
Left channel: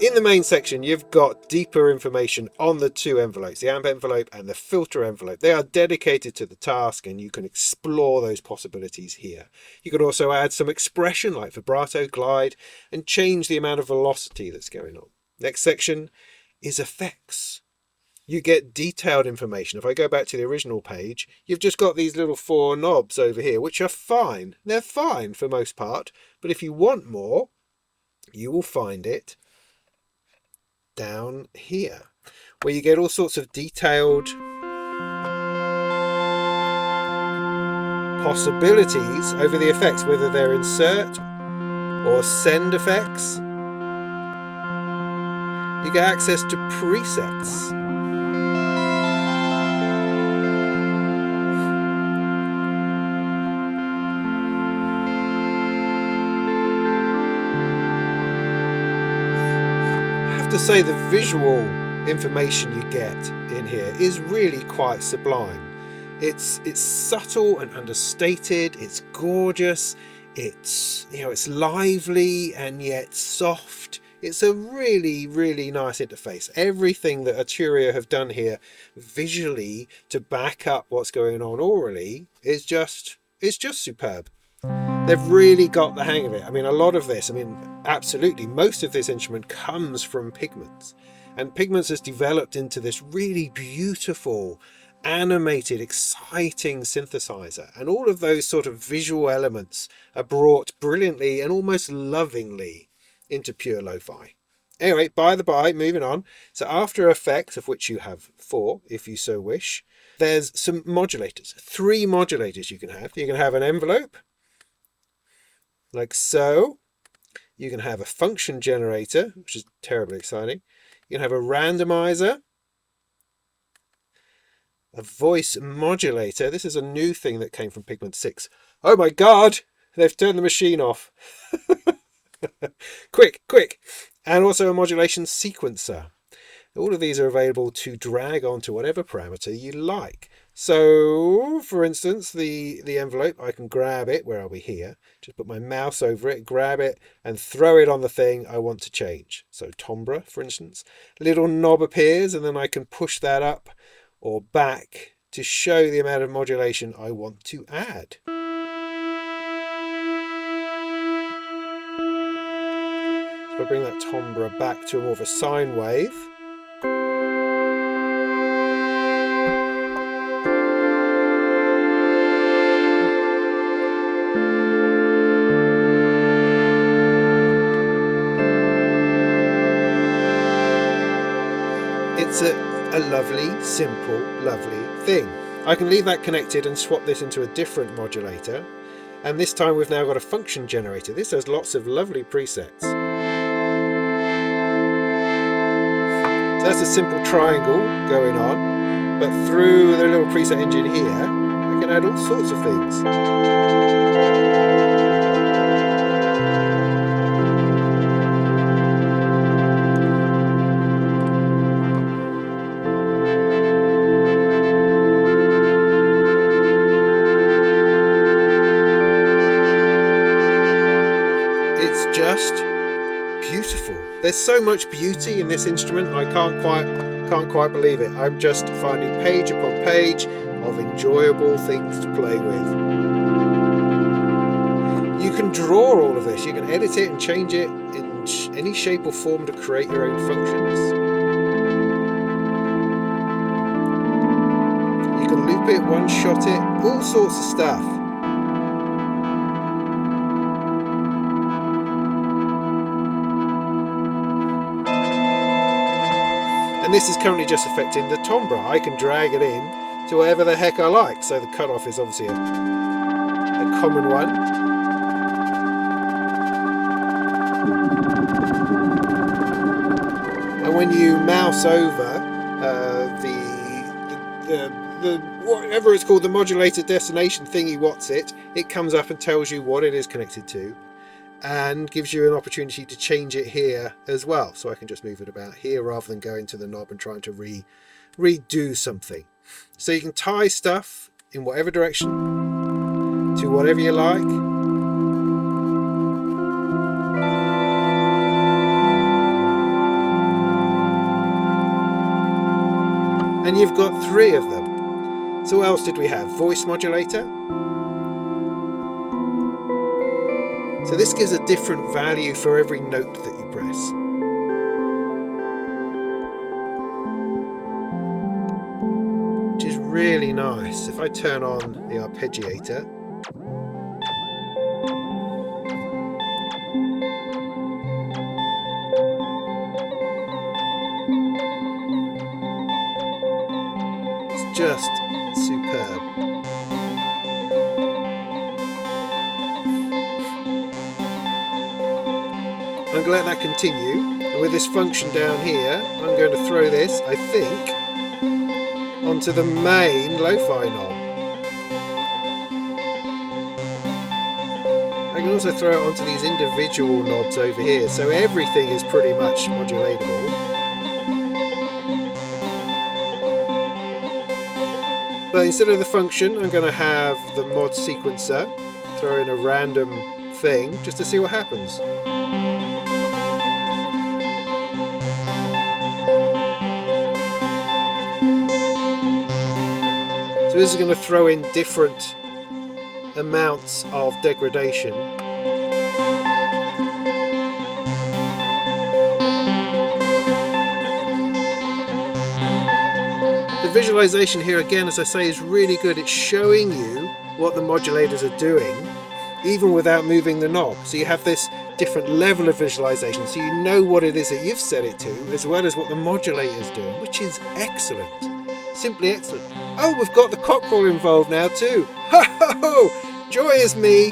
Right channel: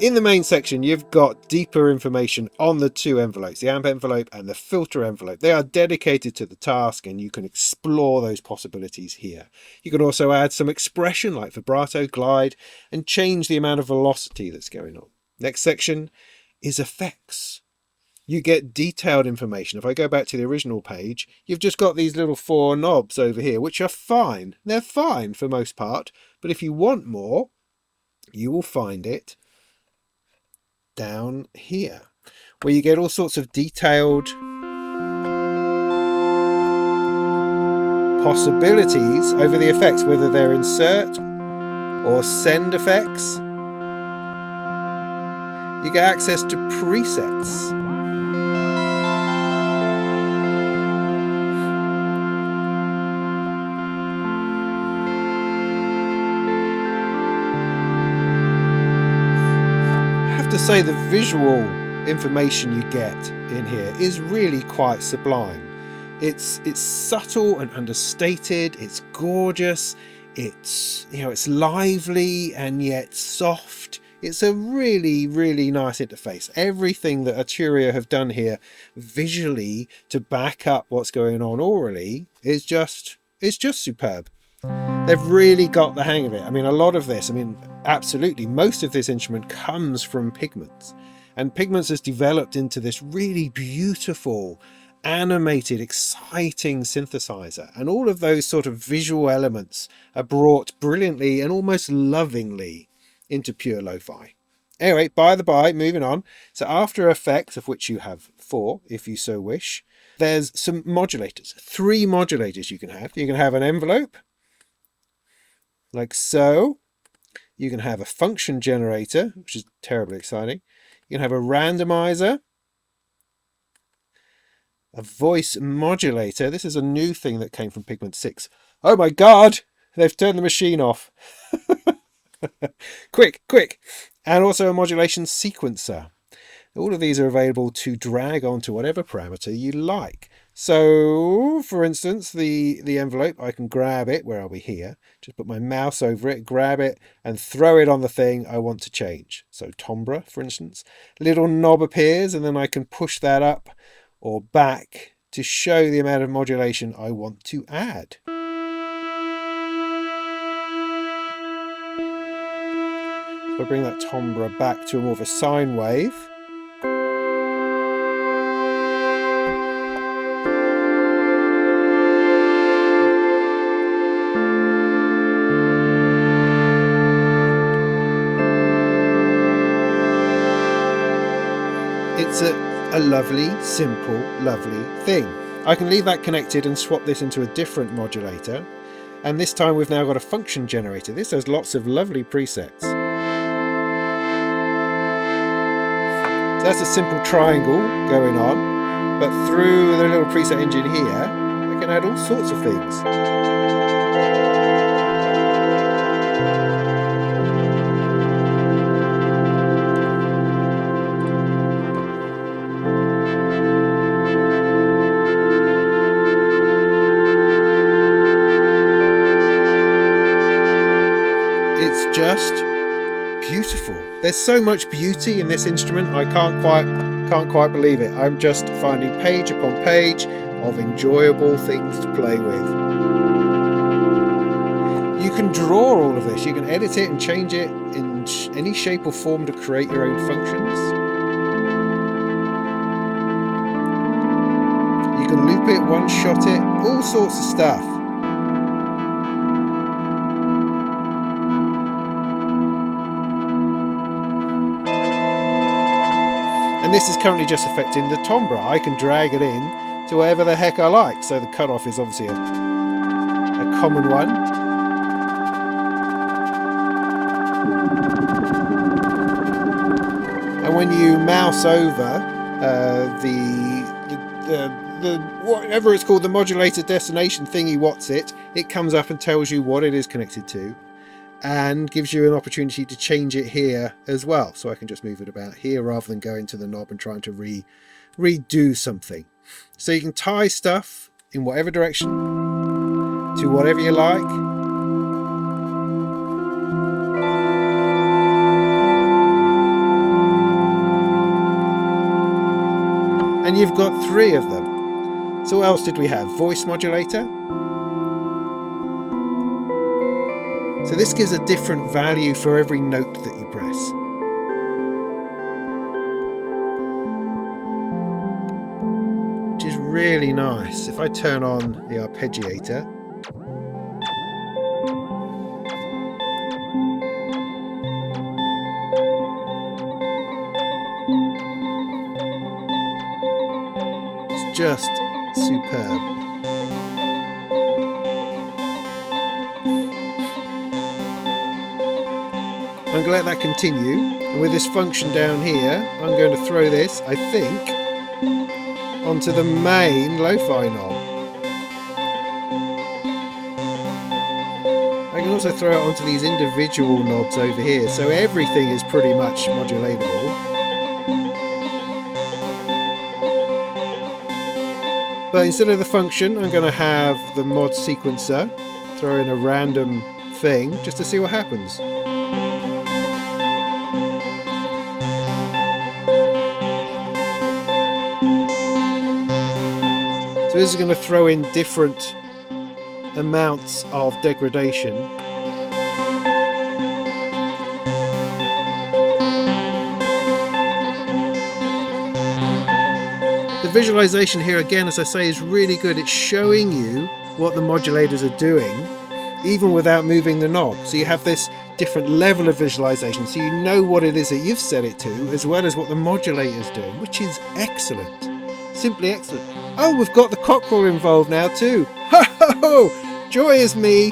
In the main section, you've got deeper information on the two envelopes, the amp envelope and the filter envelope. They are dedicated to the task, and you can explore those possibilities here. You can also add some expression like vibrato, glide, and change the amount of velocity that's going on. Next section is effects. You get detailed information. If I go back to the original page, you've just got these little 4 knobs over here, which are fine. They're fine for most part, but if you want more, you will find it down here, where you get all sorts of detailed possibilities over the effects, whether they're insert or send effects. You get access to presets. To say the visual information you get in here is really quite sublime. It's subtle and understated. It's gorgeous. It's it's lively and yet soft. It's a really, really nice interface. Everything that Arturia have done here visually to back up what's going on orally is just superb. They've really got the hang of it. I mean, a lot of this, absolutely, most of this instrument comes from Pigments. And Pigments has developed into this really beautiful, animated, exciting synthesizer. And all of those sort of visual elements are brought brilliantly and almost lovingly into Pure LoFi. Anyway, by the by, moving on. So After Effects, of which you have 4, if you so wish, there's some modulators. 3 modulators you can have. You can have an envelope, like so. You can have a function generator, which is terribly exciting. You can have a randomizer, a voice modulator. This is a new thing that came from Pigment 6. Oh my god! They've turned the machine off. Quick! And also a modulation sequencer. All of these are available to drag onto whatever parameter you like. So, for instance, the envelope, I can grab it. Where are we here? Just put my mouse over it, grab it, and throw it on the thing I want to change. So timbre, for instance. Little knob appears, and then I can push that up or back to show the amount of modulation I want to add. So I bring that timbre back to more of a sine wave. It's a lovely, simple, lovely thing. I can leave that connected and swap this into a different modulator. And this time we've now got a function generator. This has lots of lovely presets. So that's a simple triangle going on. But through the little preset engine here, I can add all sorts of things. It's just beautiful. There's so much beauty in this instrument. I can't quite believe it. I'm just finding page upon page of enjoyable things to play with. You can draw all of this. You can edit it and change it in any shape or form to create your own functions. You can loop it, one-shot it, all sorts of stuff. And this is currently just affecting the timbre. I can drag it in to whatever the heck I like. So the cutoff is obviously a common one. And when you mouse over the whatever it's called, the modulator destination thingy, it comes up and tells you what it is connected to, and gives you an opportunity to change it here as well. So I can just move it about here rather than going to the knob and trying to redo something. So you can tie stuff in whatever direction to whatever you like. And you've got 3 of them. So what else did we have? Voice modulator. So this gives a different value for every note that you press. Which is really nice. If I turn on the arpeggiator, it's just superb. I'm going to let that continue, and with this function down here, I'm going to throw this, I think, onto the main lo-fi knob. I can also throw it onto these individual knobs over here, so everything is pretty much modulatable. But instead of the function, I'm going to have the mod sequencer throw in a random thing just to see what happens. So this is going to throw in different amounts of degradation. The visualization here, again, as I say, is really good. It's showing you what the modulators are doing, even without moving the knob. So you have this different level of visualization, so you know what it is that you've set it to, as well as what the modulator is doing, which is excellent. Simply excellent. Oh, we've got the cockerel involved now too. Ho ho ho! Joy is me.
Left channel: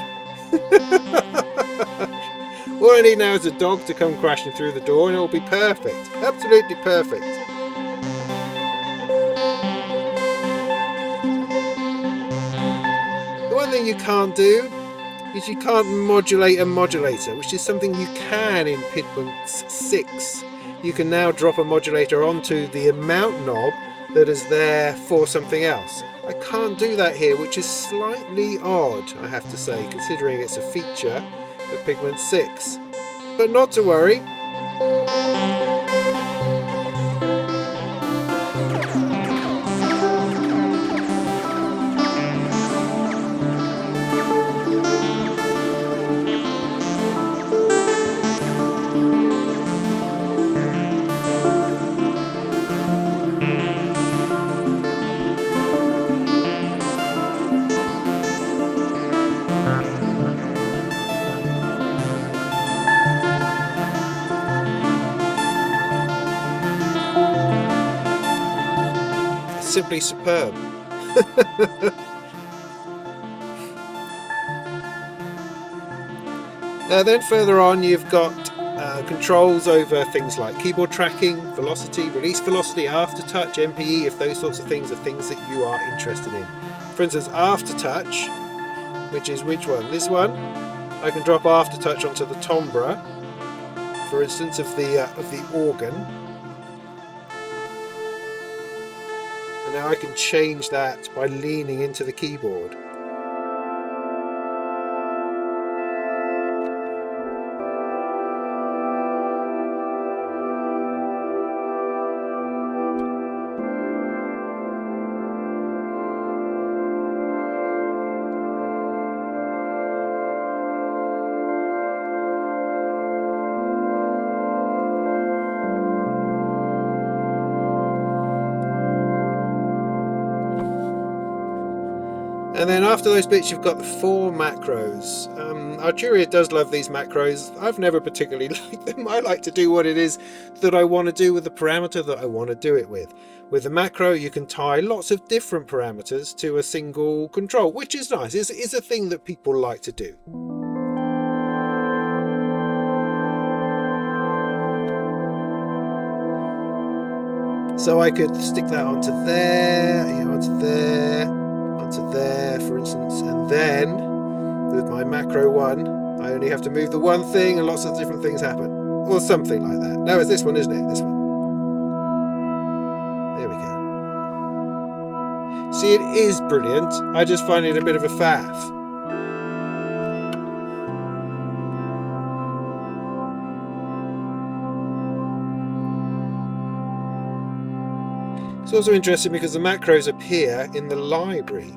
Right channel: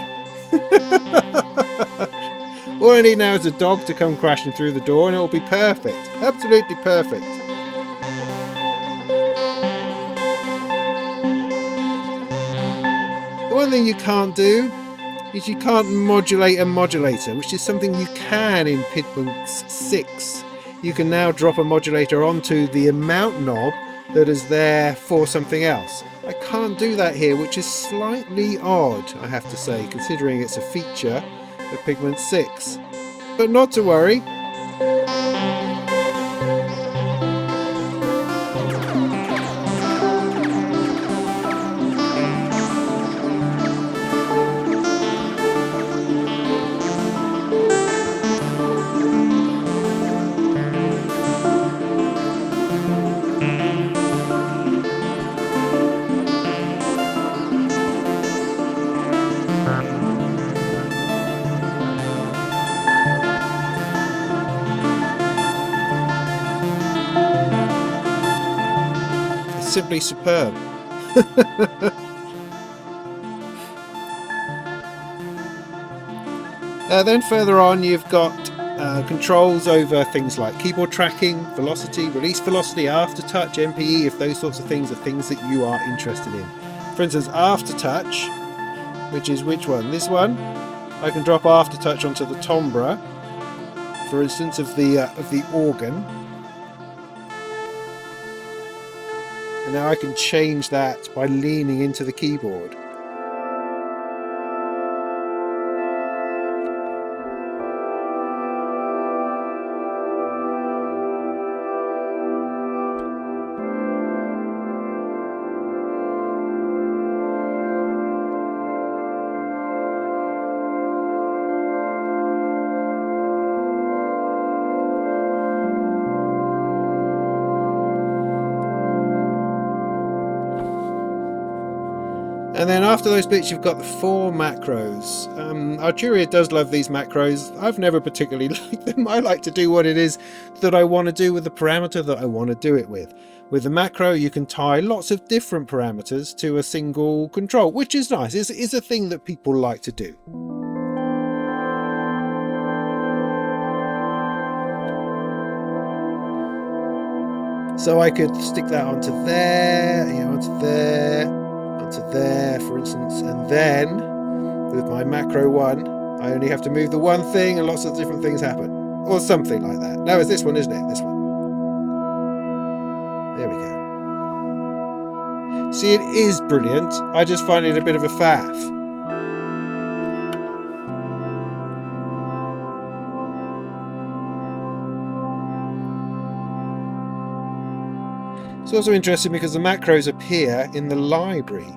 All I need now is a dog to come crashing through the door and it will be perfect. Absolutely perfect. The one thing you can't do is you can't modulate a modulator, which is something you can in Pigment 6. You can now drop a modulator onto the amount knob that is there for something else. I can't do that here, which is slightly odd, I have to say, considering it's a feature of Pigment 6. But not to worry. Simply superb. Then further on you've got controls over things like keyboard tracking, velocity, release velocity, aftertouch, MPE, if those sorts of things are things that you are interested in. For instance, aftertouch, which is which one? This one. I can drop aftertouch onto the timbre, for instance, of the organ, and now I can change that by leaning into the keyboard. And then after those bits, you've got the 4 macros. Arturia does love these macros. I've never particularly liked them. I like to do what it is that I want to do with the parameter that I want to do it with. With the macro, you can tie lots of different parameters to a single control, which is nice. It's a thing that people like to do. So I could stick that onto there, onto there, for instance, and then with my macro 1, I only have to move the one thing and lots of different things happen, or something like that. No, it's this one, isn't it? This one. There we go. See, it is brilliant. I just find it a bit of a faff. It's also interesting because the macros appear in the library.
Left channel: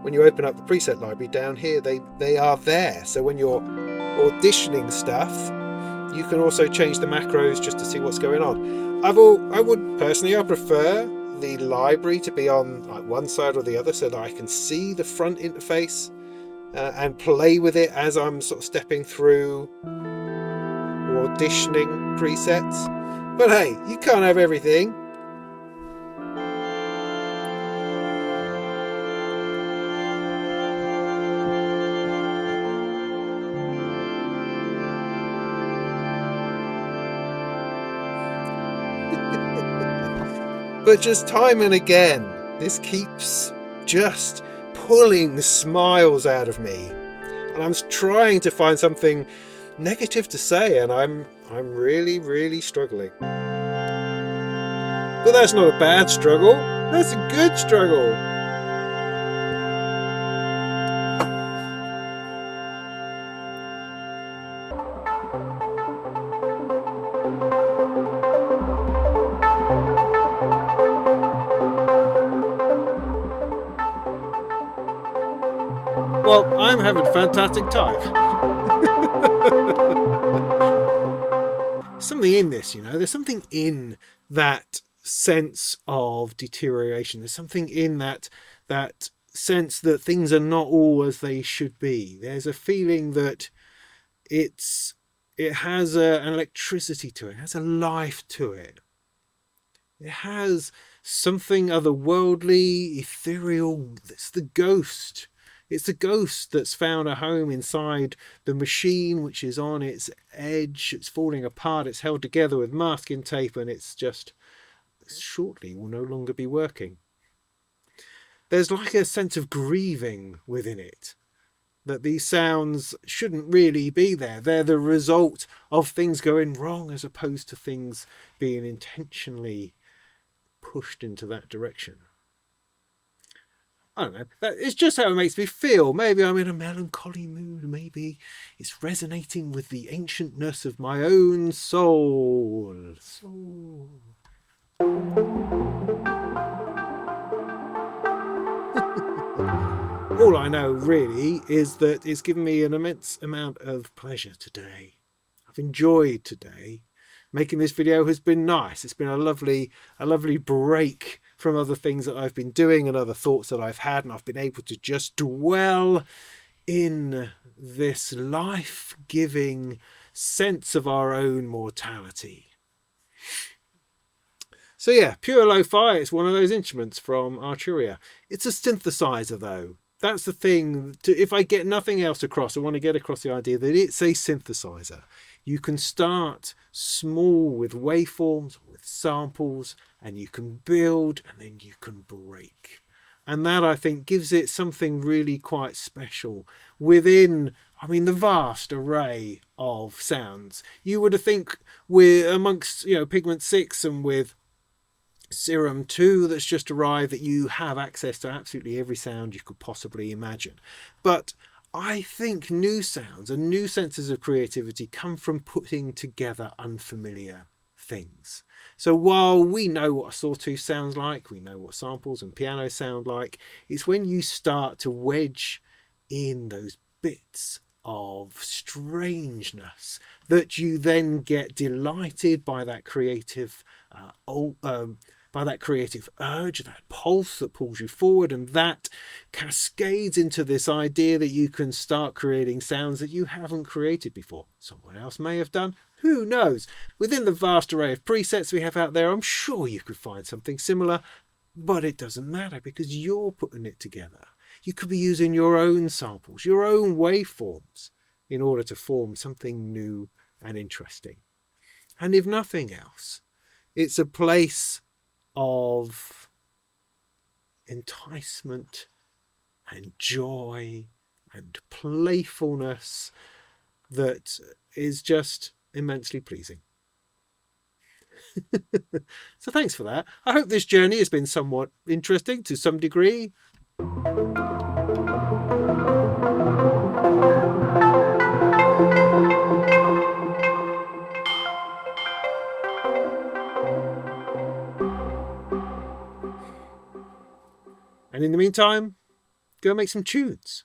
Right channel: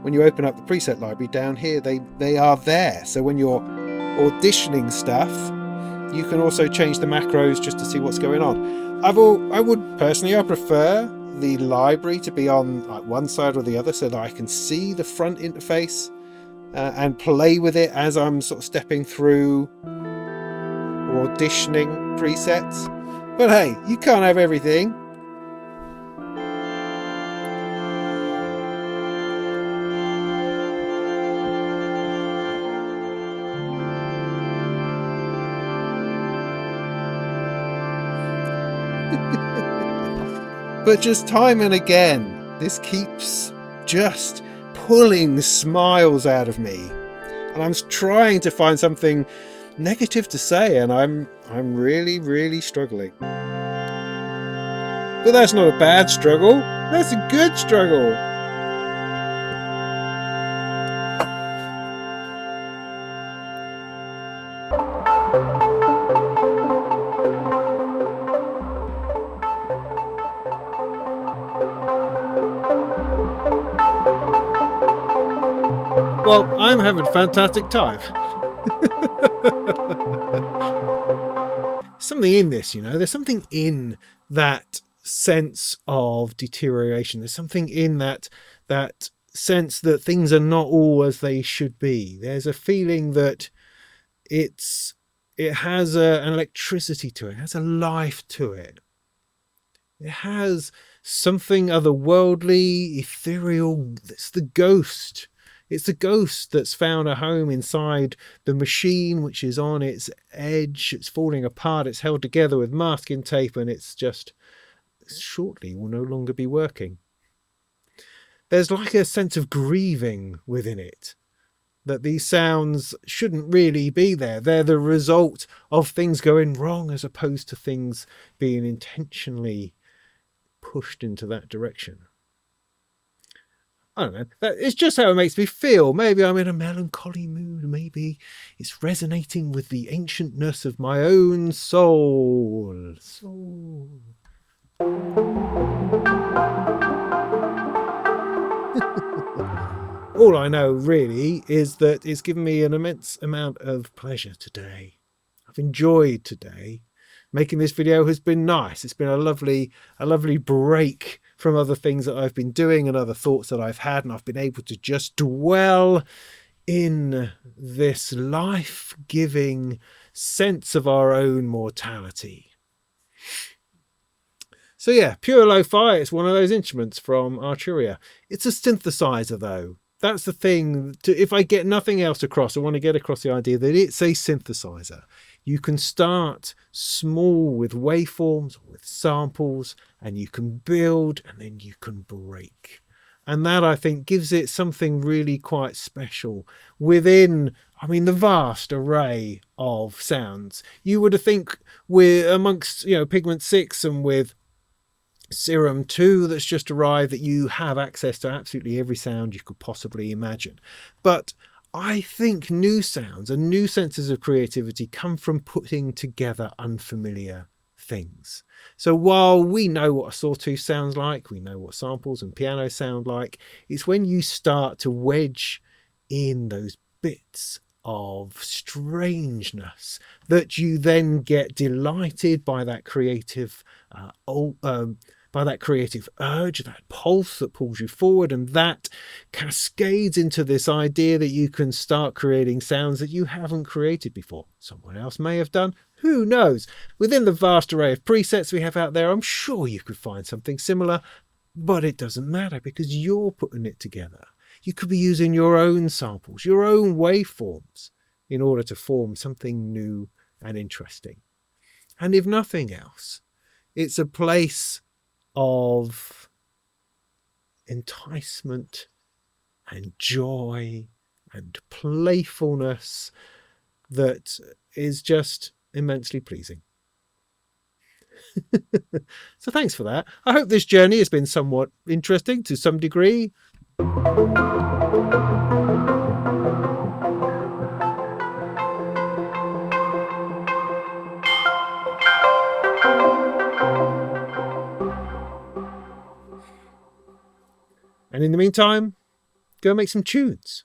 When you open up the preset library down here, they are there. So when you're auditioning stuff, you can also change the macros just to see what's going on. I would personally, I prefer the library to be on like one side or the other so that I can see the front interface and play with it as I'm sort of stepping through or auditioning presets. But hey, you can't have everything. But just time and again, this keeps just pulling smiles out of me. And I'm trying to find something negative to say, and I'm really, really struggling. But that's not a bad struggle. That's a good struggle. Well, I'm having a fantastic time. Something in this, there's something in that sense of deterioration. There's something in that sense that things are not all as they should be. There's a feeling that it has an electricity to it. It has a life to it. It has something otherworldly, ethereal. It's the ghost. It's the ghost that's found a home inside the machine, which is on its edge. It's falling apart. It's held together with masking tape, and it's just shortly will no longer be working. There's like a sense of grieving within it, that these sounds shouldn't really be there. They're the result of things going wrong as opposed to things being intentionally pushed into that direction. I don't know. It's just how it makes me feel. Maybe I'm in a melancholy mood. Maybe it's resonating with the ancientness of my own soul. All I know really is that it's given me an immense amount of pleasure today. I've enjoyed today. Making this video has been nice. It's been a lovely break from other things that I've been doing and other thoughts that I've had, and I've been able to just dwell in this life-giving sense of our own mortality. So yeah, Pure LoFi, it's one of those instruments from Arturia. It's a synthesizer though. that's the thing. If I get nothing else across, I want to get across the idea that it's a synthesizer. You can start small with waveforms, with samples, and you can build and then you can break. And that, I think, gives it something really quite special within, I mean, the vast array of sounds. You would think we're amongst, Pigment 6 and with Serum 2 that's just arrived, that you have access to absolutely every sound you could possibly imagine. But I think new sounds and new senses of creativity come from putting together unfamiliar things. So while we know what a sawtooth sounds like, we know what samples and piano sound like, it's when you start to wedge in those bits of strangeness that you then get delighted by that creative urge, that pulse that pulls you forward, and that cascades into this idea that you can start creating sounds that you haven't created before. Someone else may have done, who knows? Within the vast array of presets we have out there, I'm sure you could find something similar, but it doesn't matter because you're putting it together. You could be using your own samples, your own waveforms, in order to form something new and interesting. And if nothing else, it's a place of enticement and joy and playfulness that is just immensely pleasing. So thanks for that. I hope this journey has been somewhat interesting to some degree. And in the meantime, go make some tunes.